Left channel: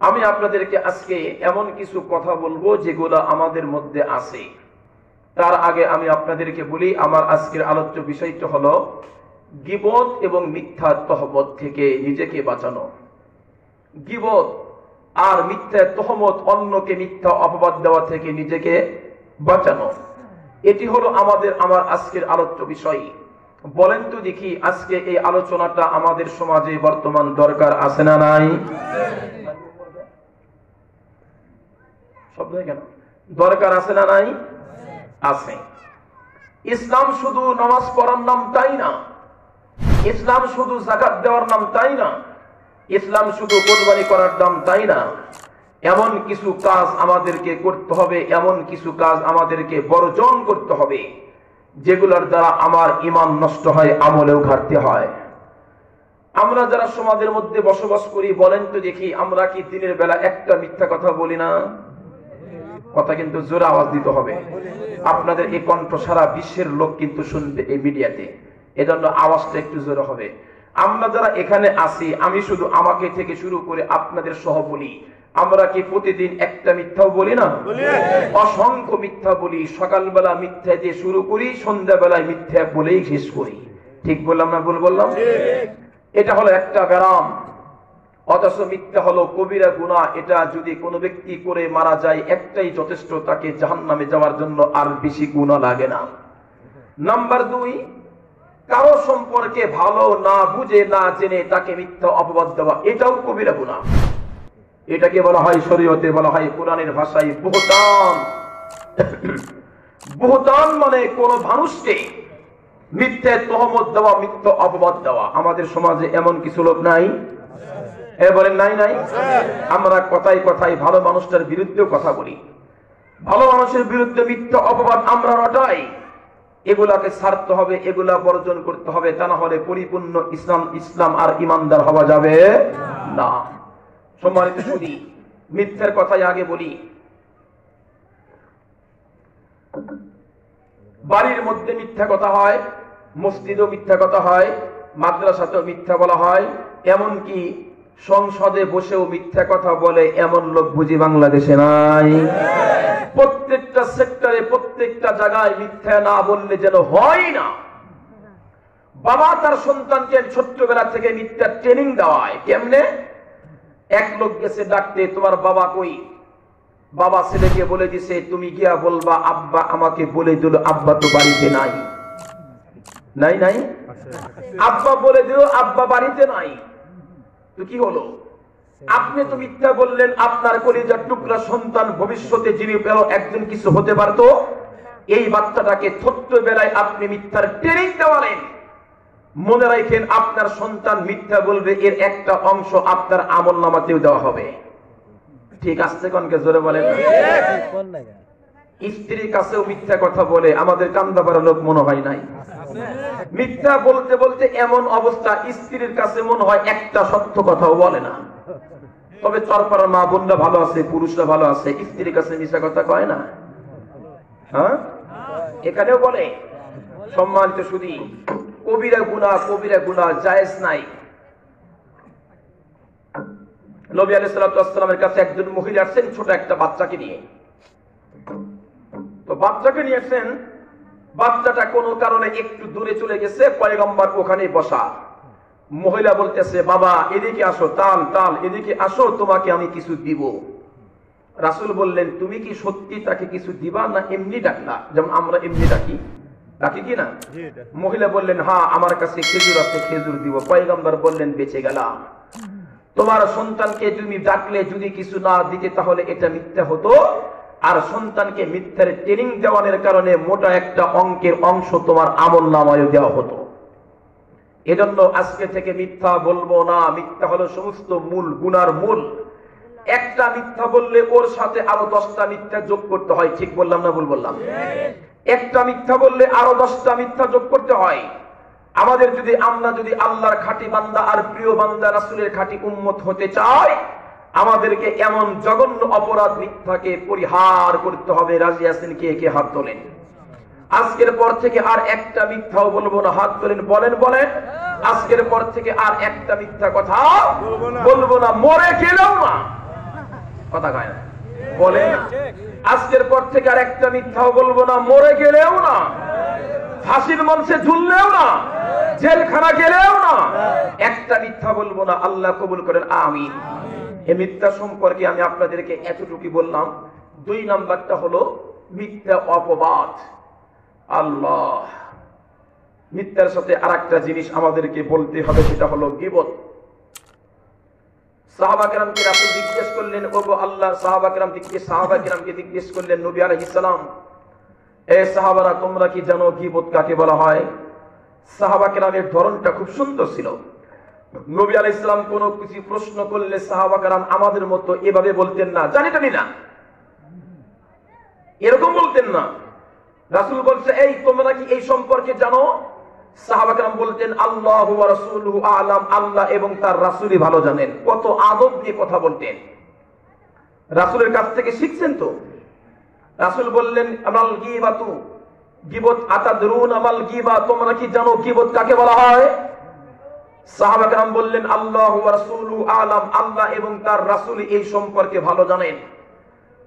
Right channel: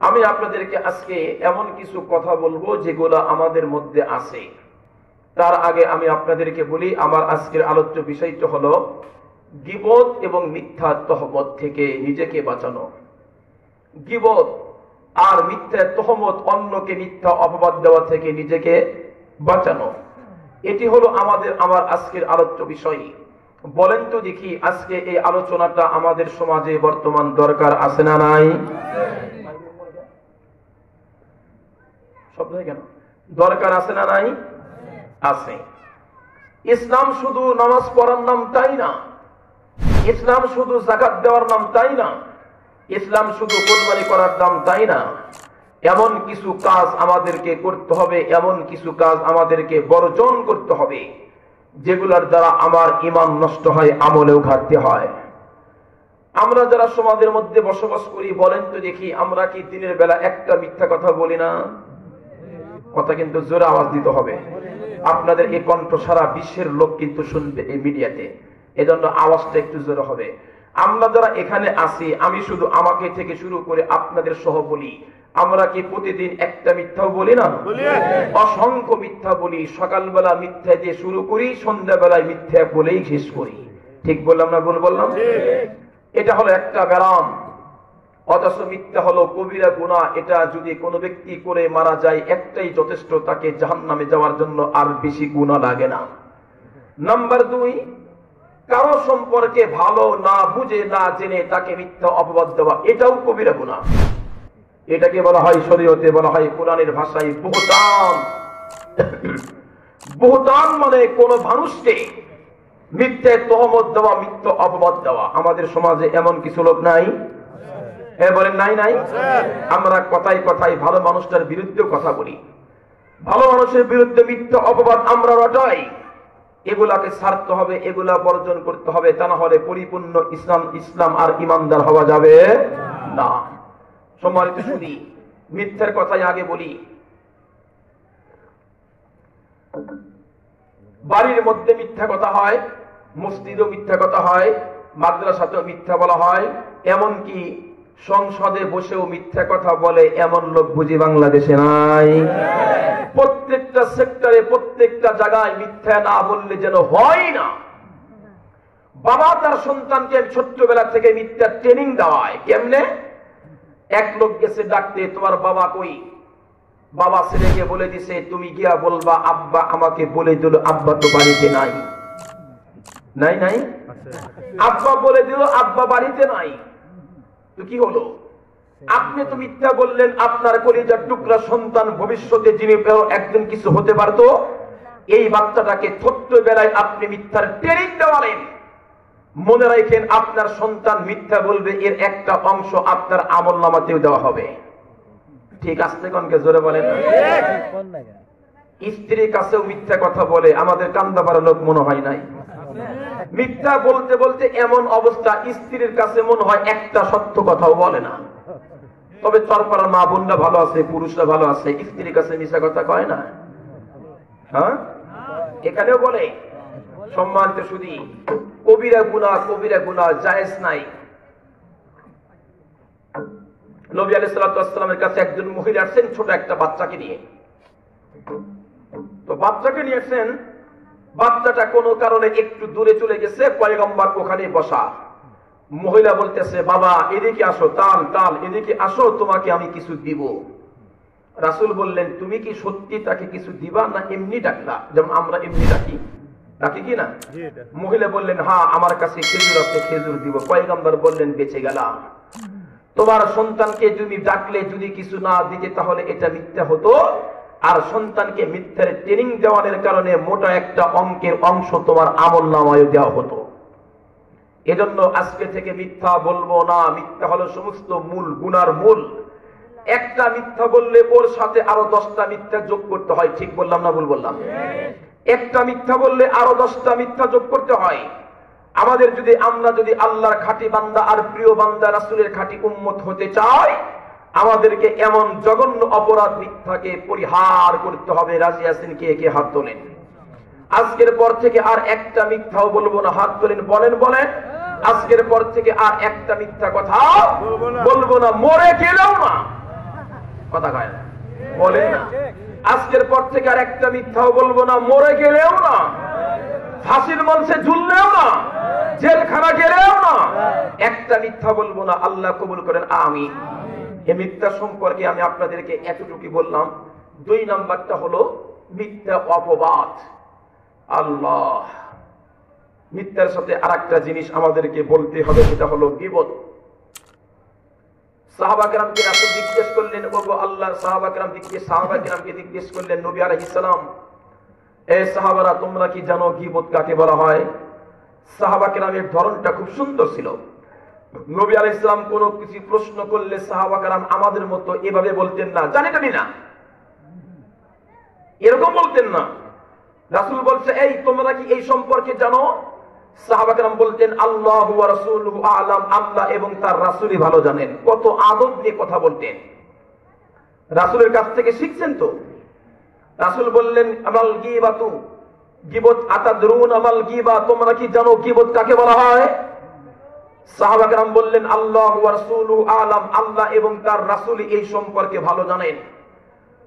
আমি আপনাদেরকে আজকে এমন কিছু কথা বলবো যেগুলো আমাদের মধ্যে আছে। তার আগে আমি আপনাদেরকে বলি, আমার আজকের আলোচ্য বিষয়টা হলো গীবত এবং মিথ্যা তহমত থেকে নিজেকে বাঁচানো। গীবত আর মিথ্যা তহমত, অন্যকে মিথ্যা অপবাদ দেওয়া থেকে নিজেকে বাঁচানো, এটি হলো আমার আজকের আলোচ্য বিষয়। বলেন তো দেখি, আজকে এই আলোচনাটা আমাদের সমাজে বর্তমান দরকার আছে না নাই? শব্দ কেন? দরকার আছে না নাই? আছে। ইসলাম শুধু নামাজ পড়ার নাম তাই না, ইসলাম শুধু যাকাত দেওয়ার নাম তাই না, ইসলাম শুধু কুরবানি করার নাম তাই না। এমন কিছু কাজ আমাদেরকে করতে হবে, এমন কিছু কাজ আমাদেরকে বর্জন করতে হবে যেগুলোর দ্বারা আমার ঈমান নষ্ট হয়, আমলেও ঘাটতি হয়। আমরা যারা সমাজের মধ্যে বসবাস করি, বলেন তো দেখি, আমরা কি দিনের বেলা একটা মিথ্যা কথা বলি না? কথা কিন্তু জোরে আওয়াজ দিতে হবে। আপনাদের এই কণ্ঠ সারা বিশ্বের লোক কিন্তু শুনবে এই মিডিয়াতে, এজন্য আওয়াজটা একটু জোরে হবে। আমরা যারা এখানে আছি, আমি শুধু আমাকে থেকে শুরু করে আপনাদের সহ বলি, আমরা কি প্রতিদিন একটা মিথ্যাও বলি না? অসংখ্য মিথ্যা বলি। সকালবেলা মিথ্যা দিয়ে শুরু করি, সন্ধ্যাবেলায় মিথ্যা বলেই শেষ করি। ঠিক বললাম না ভুল বললাম? এটা হলো একটা ব্যারাম। অথচ মিথ্যা হলো কবিরা গুনাহ। এটা যদি কোনো ব্যক্তি করে মারা যায়, একটাই যথেষ্ট, তাকে জাহান্নামে যাওয়ার জন্য আর বেশি গুনাহ লাগে না। নাম্বার 2, কারো সম্পর্কে ভালো না বুঝে না জেনে তাকে মিথ্যা অপবাদ দেওয়া, এটাও কবিরা গুনাহ। এটাকে বলা হয়, শরীয়তে বলা হয়, কোরআনের ভাষায় বুহতান। বুহতান মানে কোন মানুষকে মিথ্যা তহমত দেওয়া, মিথ্যা অপবাদ দেওয়া। আমাদের সমাজে এমন কিছু লোক নাই? বলেন নাই? নাই। আমরা কথায় কথায় ভালো মানুষটার বিরুদ্ধেও কথা বলি, ভালো মানুষের বিরুদ্ধে মিথ্যা অপবাদ আমরা রটাই। এগুলাকে ছাড়তে হবে, এগুলা বর্জন করতে হবে, তা না হলে পরিপূর্ণ ইসলাম আর ইমানদার হওয়া যাবে না। সম্মানিত শুনি, মিথ্যার কথাই আগে বলি। বাড়ির মধ্যে মিথ্যা কথা হয়, মসজিদেও মিথ্যা কথা হয়, মাদ্রাসাতেও মিথ্যা বলা হয়, এমনকি সংসদে বসেও মিথ্যা কথা বলে এমন লোক বুঝি বাংলাদেশে নাই? প্রত্যেকটা সেক্টরে, প্রত্যেকটা জায়গায় মিথ্যা না বললে যেন হয় না। বাবা তার সন্তানকে ছোট্টবেলা থেকে মিথ্যা ট্রেনিং দেওয়ায়। কেমনে? এক লোক গেছে ডাকতে, তোমার বাবা কই? বাবা ছেলেকে বলে দিছে, তুমি গিয়া বলবা আব্বা আমাকে বলে দিল আব্বা তো বাড়িতে নাই। নাই নাই? আব্বা বলে দিল আব্বা বাড়িতে নাই। তো কি হলো? আপনি তো মিথ্যা বললেন, আপনার কলিজার টুকরা সন্তান ভবিষ্যতে যিনি একজন কিছু হতে পারতো, এই বাচ্চাটাকে ছোট্টবেলায় আপনি মিথ্যার ট্রেনিং দেওয়ালেন। মনে রাখেন, আপনার সন্তান মিথ্যা বলবে, এর একটা অংশ আপনার আমলনামাতেও দেওয়া হবে। ঠিক আছে? কোনকে জোরে বলেন। স্ত্রীর কাছেও মিথ্যা কথা বলে, আমাদের কান্দাবার লোক মনে হয় নাই? মিথ্যা বলতে বলতে এমন অবস্থা, স্ত্রীর কাছে মনে হয় একটা সত্য কথাও বলে না। তবে তারপর মা বোনরা ভালো আছে, পুরুষরা ভালো আছে, স্ত্রীর কাছে মিথ্যা কথা কয় না? হ্যাঁ, এখানেও বলে। সম্মানিত শুধু কবিরা গুনাহ, কবিরা গুনাহ জায়েজ নাই। নবী আলাইহিস সালাতু ওয়াস সালামের কাছে একজন মহিলা আসছেন ছোট একটা বাচ্চাকে নিয়ে। তো বাচ্চাকে নিয়ে আসছেন, বাচ্চাটা কোনো কারণে একটু দূরে চলে গেছে, পয়গম্বর ওখানে বসা। মহিলা বলতেছে, বাবা এদিকে আসো, টাল টাল এদিকে আসো, তোমাকে আমি কিছু দিব। রাসূল বললেন, তুমি কি সত্যি তাকে কিছু দিবা না এমনি ডাকলা, যেমন আমরা এমনি ডাকি? ডাকি কি না? মহিলা বললেন, হ্যাঁ আমার কাছে খেজুর আছে, খেজুর দিব। পয়গম্বর বললেন, বেঁচে গেলাম। তোমার সন্তানকে তুমি ডাকলে যদি কিছু না দিতে, তাহলে এটা মিথ্যা হতো। আর সন্তানকে মিথ্যার ট্রেনিং দেওয়ানোর কারণে মোটা একটা অঙ্কের অংশ তোমার আমলনামায় দেওয়া হতো। এজন্য আজকে থেকে মিথ্যা বলবো না। মিথ্যা হলো সমস্ত মূল গুনার মূল। একটা মিথ্যা বললে ওর সাথে আরো 10টা মিথ্যা যোগ করতে হয়। ঠিক বললাম না ভুল বললাম? একটা মিথ্যা বললে আরো 10টা মিথ্যা যোগ করতে হয়। আমরা যদি আল্লাহর খাঁটি বান্দা আর প্রিয় বান্দা রাসূলের খাঁটি উম্মত হতে চাই, আমাদেরকে এমন জঘন্য অপরাধ মিথ্যাকে পরিহার করতে হবে। রাজি আছেন? কে হাত তোলেন। আজকের পর থেকে আর একটা মিথ্যাও বলবো না। হাত তোলেন, বলেন বলেন। আজকের পর থেকে আর একটা মিথ্যা কথা বলবো না। মরে গেলাম না, কথা কয় না, বলে না। আজকের পর থেকে আর একটা মিথ্যাও বলবো না, মরে গেলেও না, ফাঁসির মঞ্চে ঝুললেও না, জেলখানা গেলেও না, একটা মিথ্যা বলবো না। আল্লাহ কবুল করেন, আমিন। এই মিথ্যা সম্পর্কে আমি আপনাদেরকে এতটুকু বললাম। 2 নাম্বারটা হলো মিথ্যা অপবাদ। আল্লাহ, মিথ্যার সাথে আরেকটা জিনিস আমাদেরকে বলতে হবে, সেটা হলো গীবত। সাহাবা কেরামকে রাসূল জিজ্ঞেস করলেন, ওগো আল্লাহ, সাহাবা কেরামকে জিজ্ঞেস করলেন নবী আলাইহিস সালাম, এ সাহাবারা, তোমরা কি জানো গীবত কাকে বলা হয়? সাহাবা কেরামের ধরনটা খুব সুন্দর ছিল। নবী আলাইহিস সালাম কোনো কিছু প্রশ্ন করলে সাহাবা কেরাম আমাদের মতো এভাবে বলতেন না, জানি না, এরকম বলতেন না। রাসূল বলছে, এই তোমরা কি এই সম্পর্কে জানো? সাহাবা কেরাম বলতেন, আল্লাহু ওয়া রাসূলুহু আ'লাম, আল্লাহ এবং তার রাসূলই ভালো জানেন। কত আদব দিয়ে কথা বলতেন, রাসূলের কাছ থেকে শিখছেন তো। রাসূল বললেন, আমাল গীবাতু, গীবত, আতাদরুন আমাল গীবা, তোমরা কি জানো গীবত কাকে বলা হয়? সাহাবা কেরাম বললেন, আল্লাহু ওয়া রাসূলুহু আ'লাম, আল্লাহ এবং তার রাসূলই এই সম্পর্কে ভালো জানেন।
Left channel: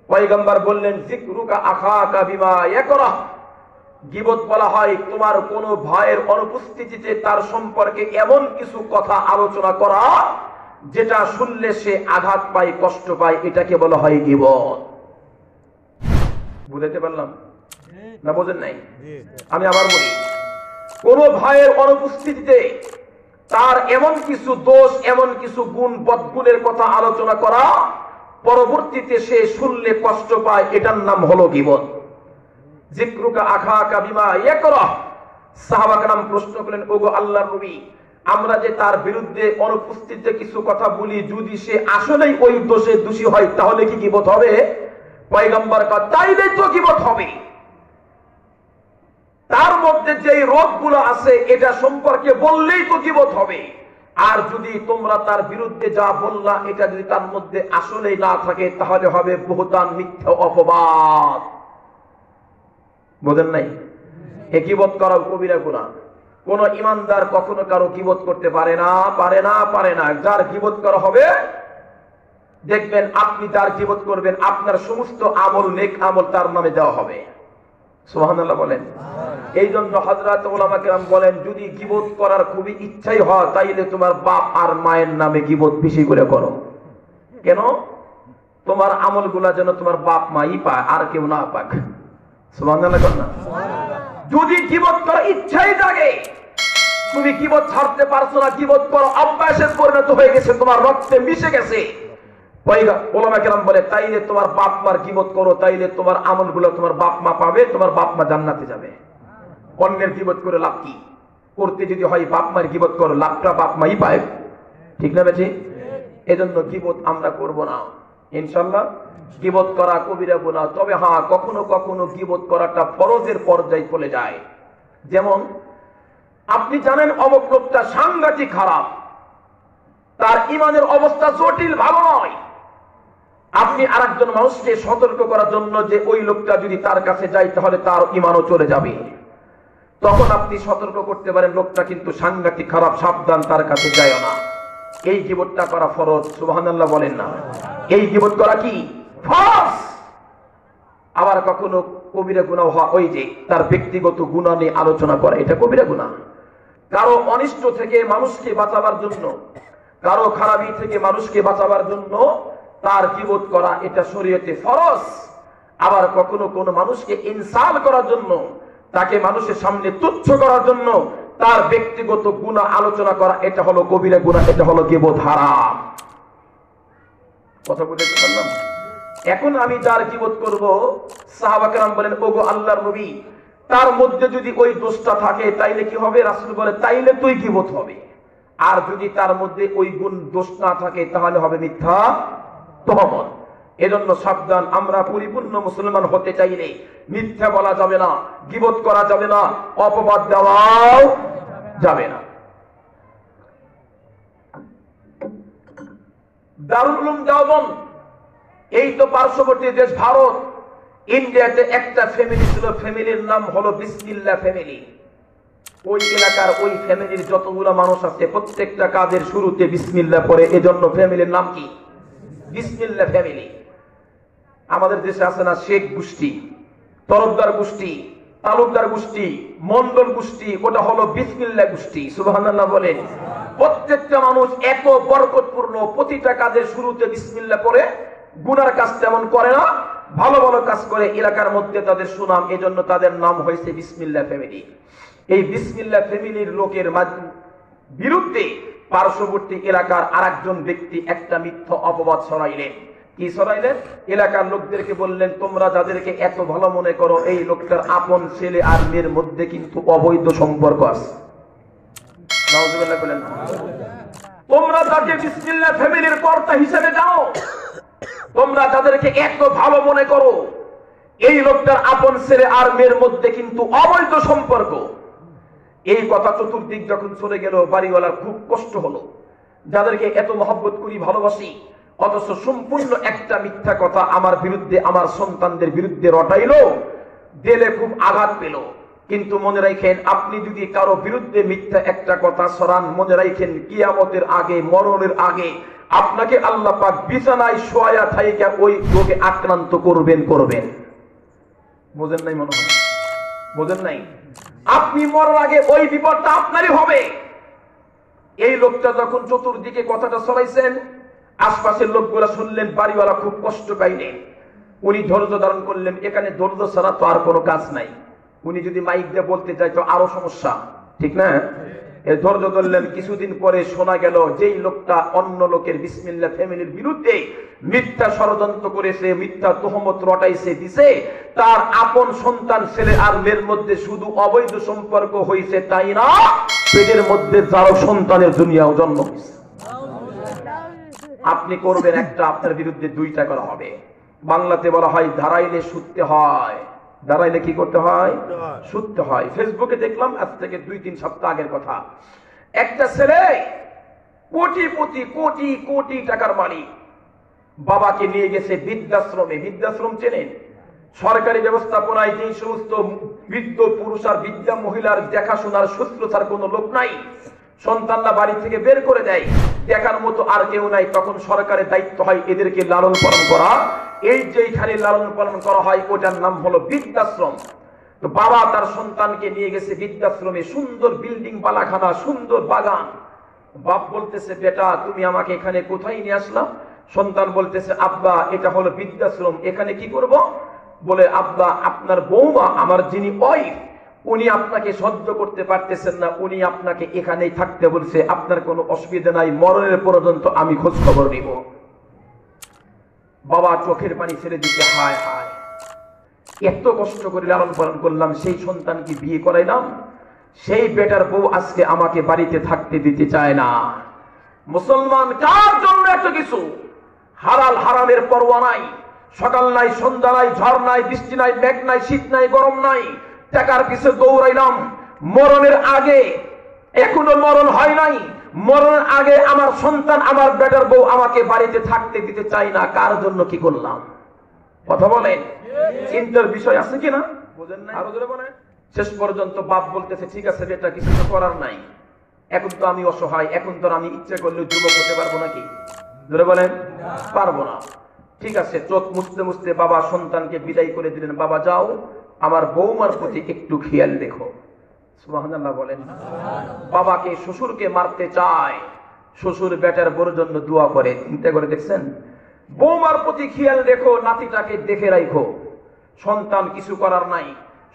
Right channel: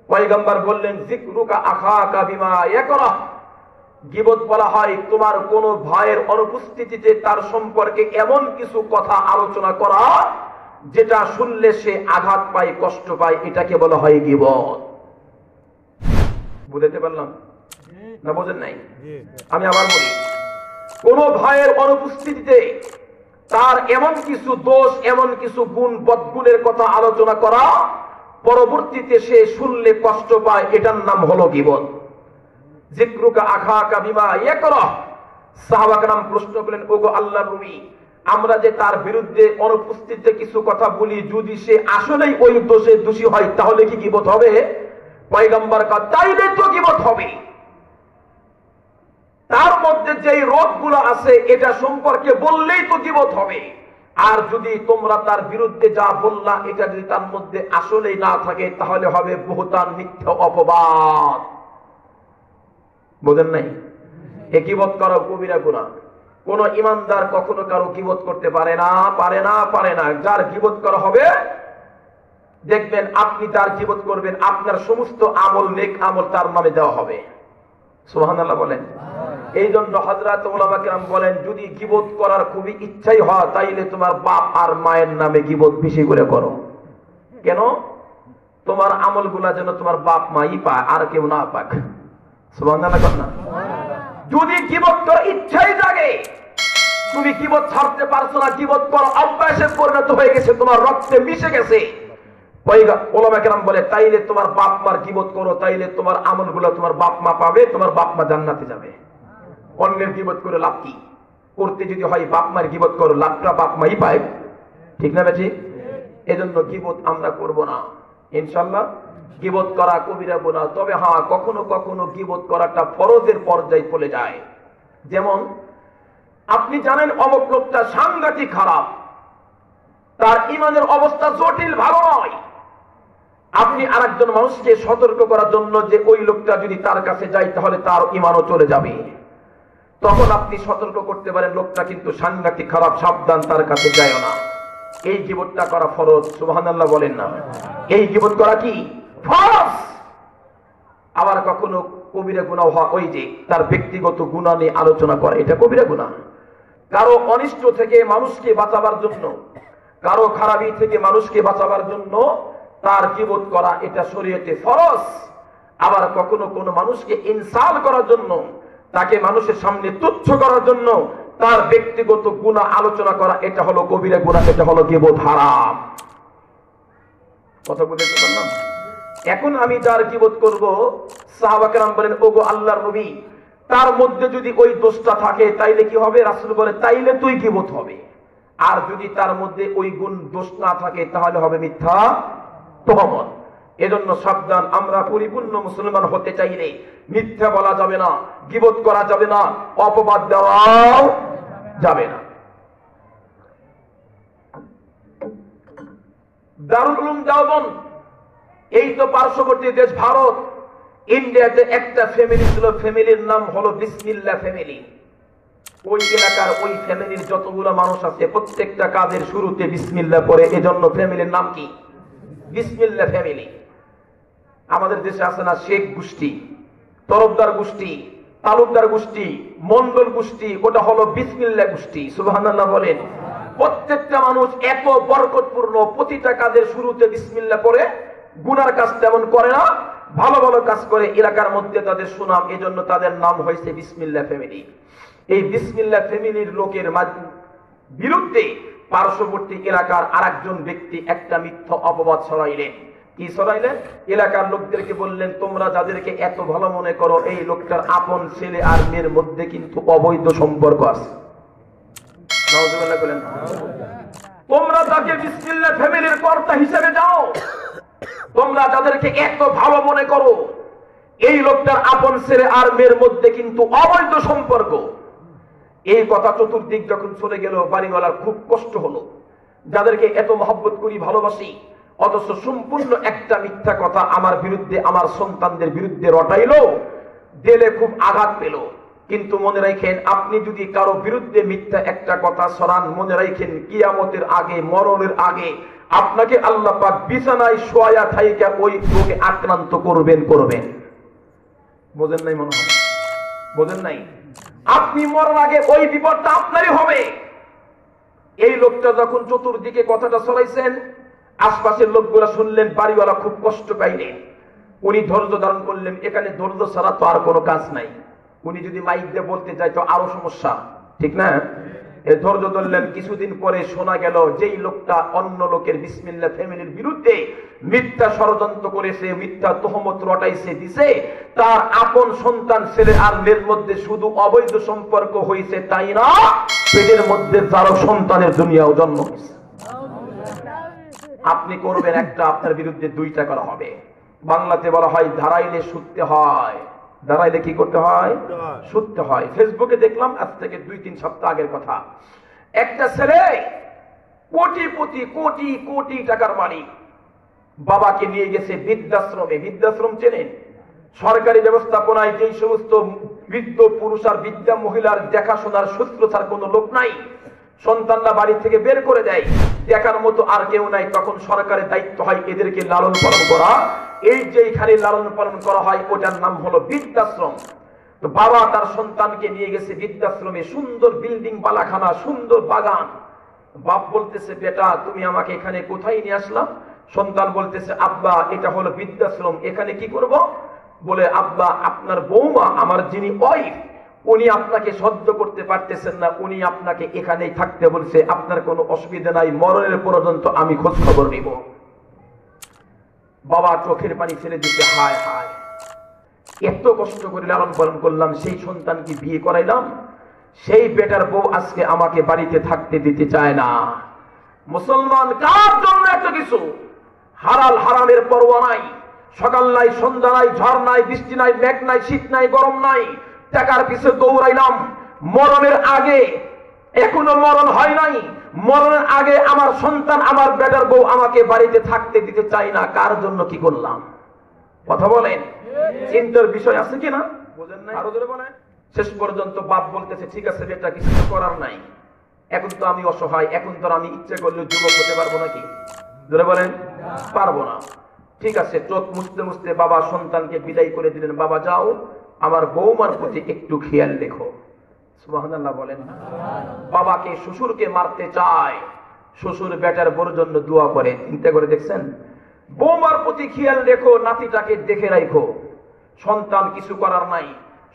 পয়গম্বর বললেন, যিকরুকা আখাকা বিমা ইয়াকরাহ, গীবত বলা হয় তোমার কোন ভাইয়ের অনুপস্থিতিতে তার সম্পর্কে এমন কিছু কথা আলোচনা করা যেটা শুনলে সে আঘাত পায়, কষ্ট পায়, এটাকে বলা হয় গীবত। বুঝতে পারলাম না? বোঝেন নাই? আমি আবার বলি, কোন ভাইয়ের অনুপস্থিতিতে তার এমন কিছু দোষ, এমন কিছু গুণ, বদগুণের কথা আলোচনা করা, পরবর্তীতে সে শুনলে কষ্ট পায়, এটার নাম হলো গীবত। যিকরুকা আখাকা বিমা ইয়াকরাহ। সাহাবা কেরাম প্রশ্ন করলেন, ওগো আল্লাহর নবী, আমরা যে তার বিরুদ্ধে অনুপস্থিতিতে কিছু কথা বলি, যদি সে আসলেই ওই দোষে দোষী হয় তাহলে কি গীবত হবে? পয়গম্বর কয়, তাইলে তো গীবত হবে। তার মধ্যে যেই রোগগুলো আছে এটা সম্পর্কে বললেই তো গীবত হবে। আর যদি তোমরা তার বিরুদ্ধে যা বললা এটা যদি তার মধ্যে আসলেই না থাকে তাহলে হবে বুহতান, মিথ্যা অপবাদ। বোঝেন নাই? এ গীবত করা কবিরা গুনাহ। কোন ইমানদার কখনো কারো গীবত করতে পারে না। যার গীবত করা হবে, দেখবেন আপনি যার গীবত করবেন আপনার সমস্ত আমল, নেক আমল তার নামে দেওয়া হবে। সুবহানাল্লাহ বলেন। এই জন্য হযরত উলামা কেরাম বলেন, যদি গীবত করার খুবই ইচ্ছাই হয় তাইলে তোমার বাপ আর মায়ের নামে গীবত বেশি করে করো। কেন? তোমার আমলগুলা যেন তোমার বাপ মাই পায়, আর কেউ না পাক। সুবহানাল্লাহ বলেন না? যদি গীবত করার ইচ্ছাই জাগে, তুমি গীবত ছাড়তে পারছো না, গীবত করা অভ্যাসে পরিণত হয়ে গেছে, তোমার রক্তে মিশে গেছে, উলামা কেরাম বলে তাইলে তোমার বাপ মার গীবত করো, তাইলে তোমার আমলগুলো তোমার বাপ মা পাবে, তোমার বাপ মা জান্নাতে যাবে। অন্যের গীবত করে লাভ কি? করতে যদি হয় বাপ মার গীবত করো, লাভটা বাপ মাই পায়। ঠিক না বেশি? এজন্য গীবত আমরা করব না ইনশাআল্লাহ। গীবত করা কবিরা গুনাহ। তবে হ্যাঁ, কখনো কখনো গীবত করাটা ফরজের পর্যায়ে চলে যায়। যেমন আপনি জানেন অমুক লোকটা সাংঘাতিক খারাপ, তার ঈমানের অবস্থা জটিল, ভালো নয়। আপনি আরেকজন মানুষকে সতর্ক করার জন্য যে ওই লোকটা যদি তার কাছে যায় তাহলে তার ঈমানও চলে যাবে, তখন আপনি সতর্ক করতে পারেন, লোকটা কিন্তু সাংঘাতিক খারাপ, সাবধান, তার কাছে যায় না। এই গীবতটা করা ফরজ। সুবহানাল্লাহ বলেন না? এই গীবত করা কি ফরজ। আবার কখনো কবিরা গুনাহ হয়, ওই যে তার ব্যক্তিগত গুনাহ নিয়ে আলোচনা করে, এটা কবিরা গুনাহ। কারো অনিষ্ট থেকে মানুষকে বাঁচাবার জন্য, কারো খারাপি থেকে মানুষকে বাঁচাবার জন্য তার গীবত করা, এটা শরীয়তে ফরজ। আবার কখনো কোন মানুষকে ইনসাল করার জন্য, তাকে মানুষের সামনে তুচ্ছ করার জন্য তার ব্যক্তিগত গুনাহ আলোচনা করা, এটা হলো কবিরা গুনাহ, এটা হলো গীবত, হারাম। কথা বুঝতে পারলাম? এখন আমি যার গীবত করব, সাহাবা কেরাম বলেন, ওগো আল্লাহর নবী, তার মধ্যে যদি ওই দোষটা থাকে তাইলে কি হবে? রাসূল বলে, তাইলে তুই গীবত হবে। আর যদি তার মধ্যে ওই গুণ, দোষ না থাকে তাহলে হবে মিথ্যা তহমত। এজন্য সাবধান, আমরা পরিপূর্ণ মুসলমান হতে চাইলে মিথ্যা বলা যাবে না, গীবত করা যাবে না, অপবাদ দেওয়াও যাবে না। দারুল উলুম দেওবন্দ, এই তো পার্শ্ববর্তী দেশ ভারত, ইন্ডিয়াতে একটা ফ্যামিলি ছিল, ফ্যামিলির নাম হলো বিসমিল্লাহ ফ্যামিলি। ওই এলাকার ওই ফ্যামিলির যতগুলো মানুষ আছে প্রত্যেকটা কাজের শুরুতে বিসমিল্লাহ পড়ে, এজন্য ফ্যামিলির নাম কি? বিসমিল্লাহ ফ্যামিলি। আমাদের দেশে আছে না শেখ গোষ্ঠী, তরফদার গোষ্ঠী, তালুকদার গোষ্ঠী, মন্ডল গোষ্ঠী, ওটা হলো বিসমিল্লাহ গোষ্ঠী। সুবহানাল্লাহ বলেন। প্রত্যেকটা মানুষ এত বরকতপূর্ণ, প্রতিটা কাজের শুরুতে বিসমিল্লাহ পড়ে, গুনার কাজ তেমন করে না, ভালো ভালো কাজ করে, এলাকার মধ্যে তাদের সুনাম, এজন্য তাদের নাম হয়েছে বিসমিল্লাহ ফ্যামিলি। এই বিসমিল্লাহ ফ্যামিলির লোকের বিরুদ্ধে পার্শ্ববর্তী এলাকার আরেকজন ব্যক্তি একটা মিথ্যা অপবাদ ছড়াইলেন। কি ছড়াইলেন? এলাকার লোকদেরকে বললেন, তোমরা যাদেরকে এত ভালো মনে করো, এই লোকটার আপন ছেলে আর মেয়ের মধ্যে কিন্তু অবৈধ সম্পর্ক আছে। তোমরা তাকে বিসমিল্লাহ ফ্যামিলির কর্তা হিসেবে যাও, তোমরা যাদেরকে এত ভালো মনে করো, এই লোকটার আপন ছেলে আর মেয়ের মধ্যে কিন্তু অবৈধ সম্পর্ক। এই কথা চতুর্দিক যখন চলে গেল, বাড়িওয়ালার খুব কষ্ট হলো। যাদেরকে এত মহব্বত করি, ভালোবাসি, অথচ সম্পূর্ণ একটা মিথ্যা কথা আমার বিরুদ্ধে, আমার সন্তানদের বিরুদ্ধে রটাইলো, দিলে খুব আঘাত পেল। কিন্তু মনে রাখেন, আপনি যদি কারো বিরুদ্ধে মিথ্যা একটা কথা ছড়ান, মনে রাখেন কিয়ামতের আগে, মরণের আগে আপনাকে আল্লাহ পাক বিছানায় শোয়া থাইকা ওই রোগে আক্রান্ত করবেন। বোঝেন নাই? মনে হয় বোঝেন নাই? আপনি মরার আগে ওই বিপদটা আপনারই হবে। এই লোকটা যখন চতুর্দিকে কথাটা ছড়াইছেন, আশপাশের লোকগুলা শুনলেন, বাড়িওয়ালা খুব কষ্ট পাইলেন। উনি ধৈর্য ধারণ করলেন। এখানে ধৈর্য ছাড়া তো আর কোনো কাজ নাই। উনি যদি মাইক দিয়ে বলতে চাই তো আরো সমস্যা, ঠিক না? এই ধৈর্য ধরলেন। কিছুদিন পরে শোনা গেল, যেই লোকটা অন্য লোকের বিসমিল্লাহ ফ্যামিলির বিরুদ্ধে মিথ্যা ষড়যন্ত্র করেছে, মিথ্যা তহমত রটাইছে দিছে, তার আপন সন্তান ছেলে আর মেয়ের মধ্যে শুধু অবৈধ সম্পর্ক হয়েছে তাই না, পেটের মধ্যে যারও সন্তানের দুনিয়াও জন্ম হয়েছে। আপনি করবেন একটা, আপনার বিরুদ্ধে দুইটা করা হবে। বাংলাতে বলা হয় দাঁড়াইলে শুতে হয়। দাঁড়াইলে কি করতে হয়? শুতে হয়। ফেসবুকে দেখলাম আজ থেকে 2-3 সপ্তাহ আগের কথা, একটা ছেলে কোটিপতি, কোটি কোটি টাকার মালিক, বাবাকে নিয়ে গেছে বৃদ্ধাশ্রমে। বৃদ্ধাশ্রম চেনেন? সরকারি ব্যবস্থাপনায় যে সমস্ত বৃদ্ধ পুরুষ আর বৃদ্ধা মহিলার দেখাশোনার শুশ্রূষার কোন লোক নাই, সন্তানরা বাড়ি থেকে বের করে দেয়, দেখার মতো আর কেউ নাই, তখন সরকারের দায়িত্ব হয় এদেরকে লালন পালন করা। এই যেখানে লালন পালন করা হয় ওটার নাম হলো বৃদ্ধাশ্রম। তো বাবা তার সন্তানকে নিয়ে গেছে বৃদ্ধাশ্রমে, সুন্দর বিল্ডিং, বালাখানা, সুন্দর বাগান। বাপ বলতেছে, বেটা তুমি আমাকে এখানে কোথায় নিয়ে আসলাম? সন্তান বলতেছে, আব্বা এটা হলো বৃদ্ধাশ্রম, এখানে কি করব? বলে, আব্বা আপনার বৌমা, আমার যিনি ওয়াইফ, উনি আপনাকে সহ্য করতে পারতেছেন না, উনি আপনাকে এখানেই থাকতে বলছে, আপনার কোনো অসুবিধা নাই, মরণের পর্যন্ত আমি খোঁজ খবর নিব। বাবা চোখের পানি ছেড়ে দিতে, হায় হায়, এত কষ্ট করে লালন পালন করলাম, সেই সন্তানকে বিয়ে করাইলাম, সেই বেটার বউ আজকে আমাকে বাড়িতে থাকতে দিতে চায় না। মুসলমান কার জন্য এত কিছু? হালাল হারামের পরোয়া নাই, সকাল নাই, সন্ধ্যা নাই, ঝড় নাই, বৃষ্টি নাই, মেঘ নাই, শীত নাই, গরম নাই, টাকার পিছনে দৌড়াইলাম। মরণের আগে, এখনো মরণ হয় নাই, মরণের আগে আমার সন্তান, আমার বেটার বউ আমাকে বাড়িতে থাকতে দিতে চাই না। কার জন্য কি করলাম? কথা বলেন, চিন্তার বিষয় আছে কিনা? বুঝেন না? আরো জোরে বলেন। শেষ পর্যন্ত বাপ বলতেছে, ঠিক আছে বেটা, কিছু করার নাই, এখন তো আমি অসহায়, এখন তো আমি ইচ্ছে করলে যুবক হতে পারবো নাকি? জোরে বলেন, পারবো না। ঠিক আছে, চোখ মুছতে মুছতে বাবা সন্তানকে বিদায় করে দিলেন। বাবা যাও, আমার বৌমার প্রতি একটু খেয়াল রেখো। সুবহানাল্লাহ বলেন। বাবাকে, শ্বশুরকে মারতে চায়, শ্বশুর বেটার বউর জন্য দোয়া করে। চিন্তা করে দেখছেন? বৌমার প্রতি খেয়াল রেখো, নাতিটাকে দেখে রাখো। সন্তান কিছু করার নাই,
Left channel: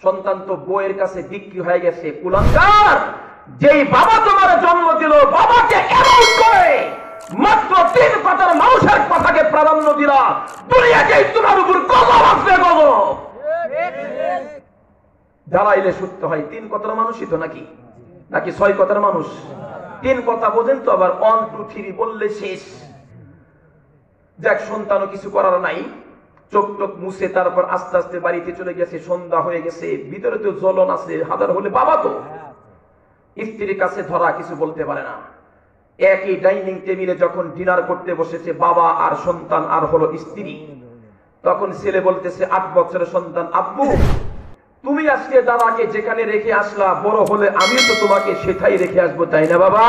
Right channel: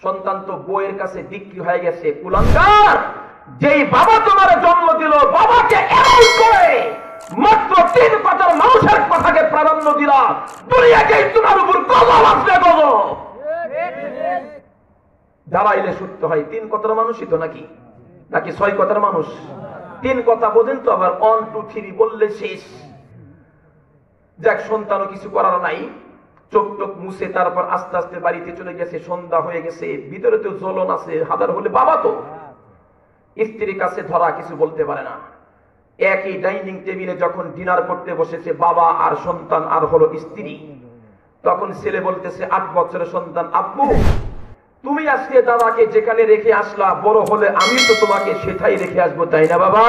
সন্তান তো বউয়ের কাছে বিক্রি হয়ে গেছে। কুলাঙ্গার, যেই বাবা তোমার জন্ম দিল, বাবাকে এমন করে মাত্র 3 পাতার মানুষের কথাকে প্রাধান্য দিলা, দুনিয়াকে তোমার উপর গজব আসবে, গজব। দাঁড়াইলে সত্য হয়। 3 কথার মানুষই তো নাকি 6 কথার মানুষ? 3 কথা বোঝেন তো, আবার 1 2 3 বললে শেষ। যাক, সন্তানও কিছু করার নাই, চোখ টোক মুছে তারপর আস্তে আস্তে বাড়িতে চলে গেছে। সন্ধ্যা হয়ে গেছে, ভিতরে তো জ্বলন আছে, হাজার হলে বাবা তো স্ত্রীর কাছে ধরা, কিছু বলতে পারে না। একই ডাইনিং টেবিলে যখন ডিনার করতে বসেছে বাবা আর সন্তান আর হলো স্ত্রী, তখন ছেলে বলতেছে, 8 বছরের সন্তান, আব্বু তুমি আজকে দাদাকে যেখানে রেখে আসলা, বড় হলে আমি তো তোমাকে সেটাই রেখে আসবো, তাই না বাবা?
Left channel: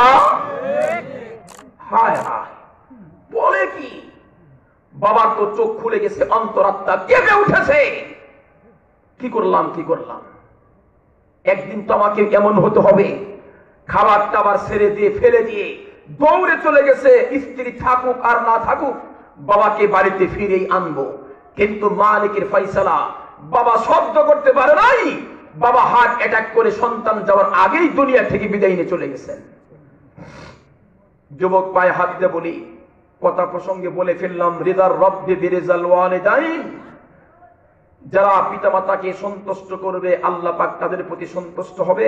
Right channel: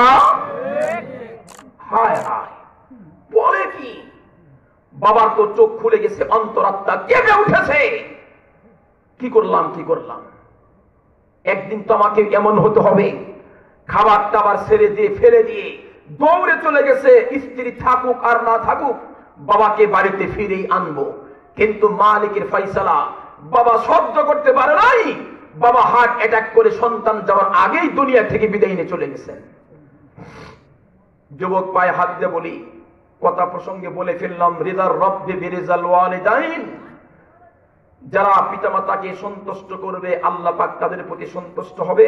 হায় হায়, বলে কি? বাবার তো চোখ খুলে গেছে, অন্তরাত্মা কেঁপে উঠেছে। কি করলাম কি করলাম, একদিন তো আমাকে এমন হতে হবে। খাবার টাবার ছেড়ে দিয়ে ফেলে দিয়ে দৌড়ে চলে গেছে, স্ত্রী থাকুক আর না থাকুক বাবাকে বাড়িতে ফিরেই আনবো। কিন্তু মালিকের ফয়সালা, বাবা শব্দ করতে পারে নাই। বাবা হার্ট অ্যাটাক করে সন্তান যাওয়ার আগেই দুনিয়া থেকে বিদায় নিয়ে চলে গেছেন। যুবক পায়ে হাত দিয়ে বলি, কথা প্রসঙ্গে বলে ফেললাম, রিদার রব্বি বিরিজাল ওয়ালিদাইন, যারা পিতামাতাকে সন্তুষ্ট করবে আল্লাহ পাক তাদের প্রতি সন্তুষ্ট হবে।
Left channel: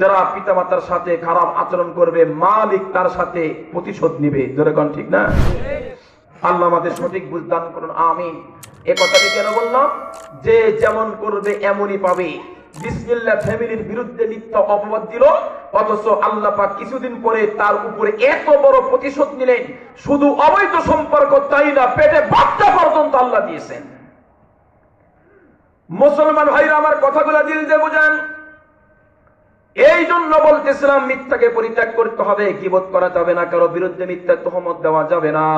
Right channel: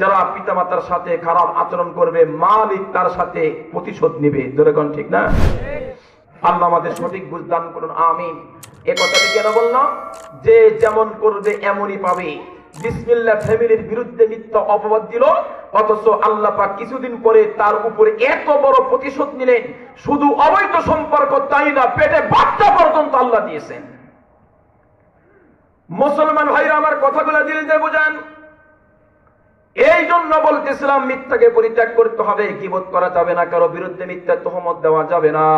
যারা পিতামাতার সাথে খারাপ আচরণ করবে মালিক তার সাথে প্রতিশোধ নেবে। যেরকম ঠিক না? আল্লাহ আমাদের সঠিক বুঝদান করুন, আমিন। এ কথাটি কেন বললাম? যে যেমন করবে এমনই পাবে। বিসমিল্লাহ ফ্যামিলির বিরুদ্ধে মিথ্যা অপবাদ দিল, অথচ আল্লাহ পাক কিছুদিন পরে তার উপরে এত বড় প্রতিশোধ নিলেন। শুধু অবৈধ সম্পর্ক তাই না, পেটে বাচ্চা পর্যন্ত আল্লাহ দিয়েছেন। মুসলমান ভাইরা আমার কথাগুলো দিল দিয়ে বোঝান। এই জন্য বলতেছিলাম মিথ্যাকে পরিত্যাগ করতে হবে, গীবত করা যাবে না, কারো বিরুদ্ধে মিথ্যা তহমত দেওয়া যাবে না।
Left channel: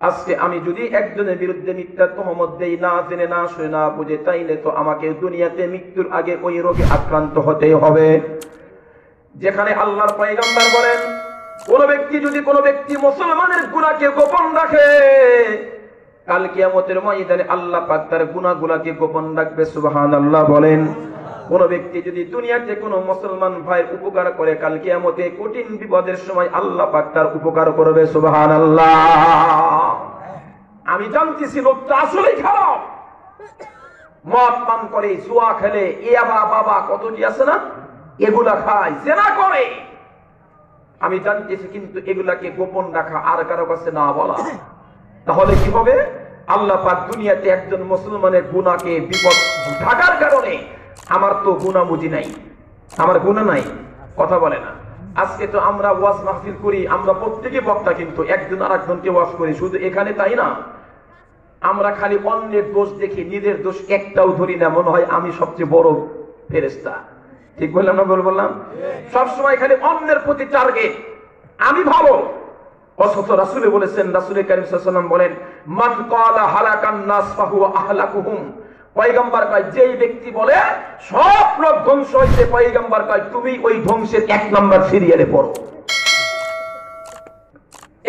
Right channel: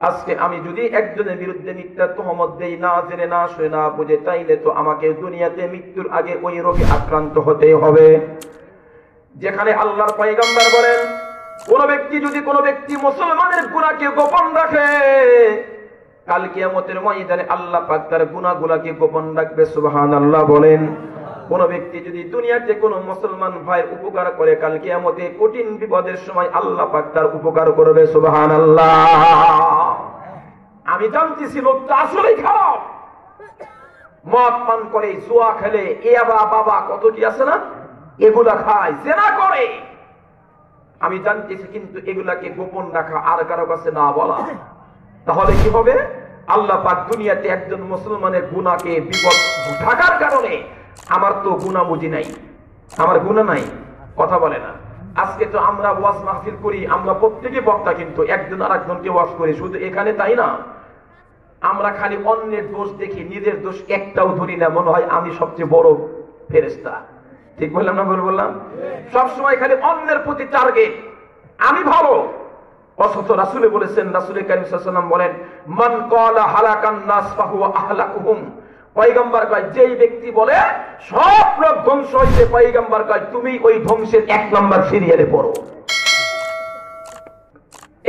আজকে আমি যদি একজনের বিরুদ্ধে মিথ্যা তহমত দেই, না জেনে না শুনে না বুঝে, তাইলে তো আমাকে দুনিয়াতে মৃত্যুর আগে ওই রোগে আক্রান্ত হতে হবে। যেখানে আল্লাহর পয়গম্বর বলেন, কোন ব্যক্তি যদি কোনো ব্যক্তি মুসলমানের গুনাহকে গোপন রাখে, কাল কিয়ামতের ময়দানে আল্লাহ পাক তার গুনাহগুলোকে গোপন রাখবে। সুবহানাল্লাহ বলেন। কোন ব্যক্তি যদি দুনিয়াতে কোন মুসলমান ভাইয়ের উপকার করে, কাল কিয়ামতে কঠিন বিপদের সময় আল্লাহ পাক তার উপকার করবে। সুবহানাল্লাহ। আমি জানতেছি লোকটা আসলেই খারাপ, মদ পান করে, জুয়া খেলে, ইয়াবা বাবা কত কি আছে না, এগুলা খায়, জেনা করে। আমি জানতেছি, কিন্তু এগুলাকে গোপন রাখা আর কারো কাছে না বলা, তাহলে কি হবে? আল্লাহ পাক দুনিয়াতে একজন মুসলমানের গুনাহকে বিপদ ঢাকার কারণে, আমার তো গুনাহ বুঝি নাই, আমার গুনাহ নাই, কথা বলে না। আজকে তো আমরা ওয়াজ মাহফিল করি, আমরা প্রত্যেকে বক্তা, কিন্তু একজন আর একজনকে ওয়াজ করি। শুধু এখানে তাই না, আমরা খালি অন্যের দোষ দেখি, নিজের দোষ একটাও ধরি না। মনে হয় আমি সবচেয়ে বড় ফেরেশতা। ঠিক বললাম না? বললাম। সবসময় খালি অন্যের প্রতি টার্গেট, আমি ভালো। অথচ রাসূলে বলেছেন, রাসূলে কারীম সাল্লাল্লাহু আলাইহি ওয়াসাল্লাম বলেন, মান ক্বালা হালাকান নাস ফাহুয়া আহলাকুহুম। পয়গম্বর কয়, যেই ব্যক্তি বলে সব লোক ধ্বংস হইছে, পয়গম্বর কয় তুমি ওই ধ্বংসের 1 নাম্বার সিরিয়ালে পড়ো।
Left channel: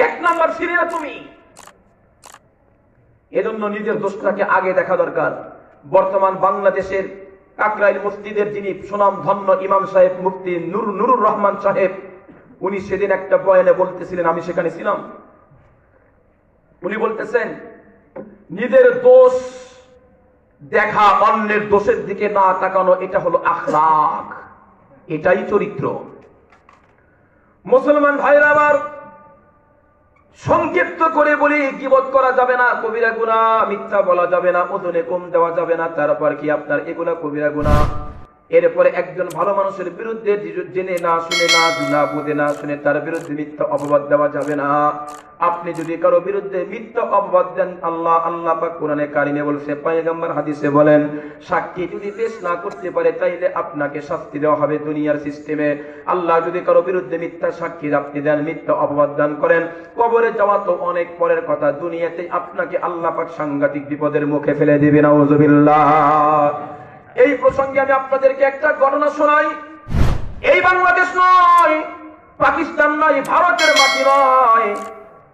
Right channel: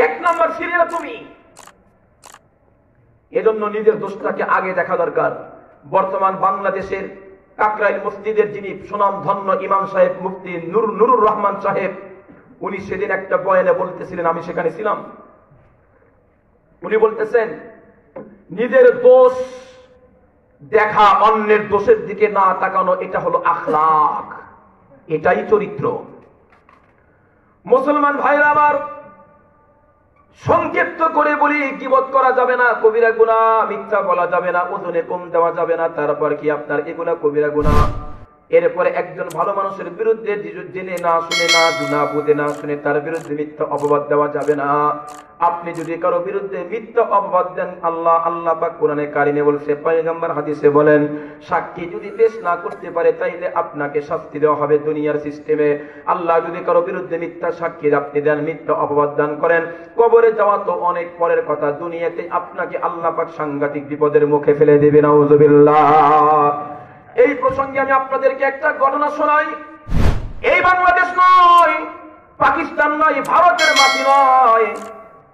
1 নাম্বার সিরিয়াল তুমি। এজন্য নিজের দোষটাকে আগে দেখা দরকার। বর্তমান বাংলাদেশের কাকরাইল মসজিদের যিনি সুনাম ধন্য ইমাম সাহেব মুফতি নুরুর রহমান সাহেব, উনি সেদিন একটা বয়ানে বলতেছিলেন, আমি সেখানে ছিলাম। উনি বলতেছেন, নিজের দোষ দেখা, অন্যের দোষের দিকে না তাকানো, এটা হলো আখলাক, এটাই চরিত্র। মুসলমান ভাইরা আমার, সংক্ষিপ্ত করে বলি, গীবত করা যাবে না, কবিরা গুনাহ, মিথ্যা বলা যাবে না, ওজনে কম দেওয়া যাবে না। তারপর কি আপনার এগুলা কবিরা গুনাহ। এরপরে একজন ভালো মানুষের বিরুদ্ধে জেনে না শুনে না, না বুঝে না শুনে তার বিরুদ্ধে মিথ্যা অপবাদ দেওয়া যাবে না। আপনি যদি কারো বিরুদ্ধে মিথ্যা অপবাদ দেন, আল্লাহ পাক কোরআনে কারিমে বলছে, পয়গম্বর হাদিসে বলেন, সাক্ষী যদি পেশ না করতে পারে তাইলে আপনাকে শাস্তি দেওয়া হবে দুনিয়ার সিস্টেমে। আল্লাহ যদি কারো বিরুদ্ধে মিথ্যা সাক্ষী আপনি দেন, মিথ্যা অপবাদ দান করেন, কবরে যাওয়া তো অনেক পরের কথা, দুনিয়াতে আপনাকে আল্লাহ পাক সাংঘাতিক বিপদের মুখে ফেলে দিবেন। নাউযুবিল্লাহ। এই প্রসঙ্গে আমি আপনাদেরকে একটা ঘটনা শোনাই। এই বাংলাদেশ নয়, পাকিস্তান নয়, ভারতের মাটি নয়,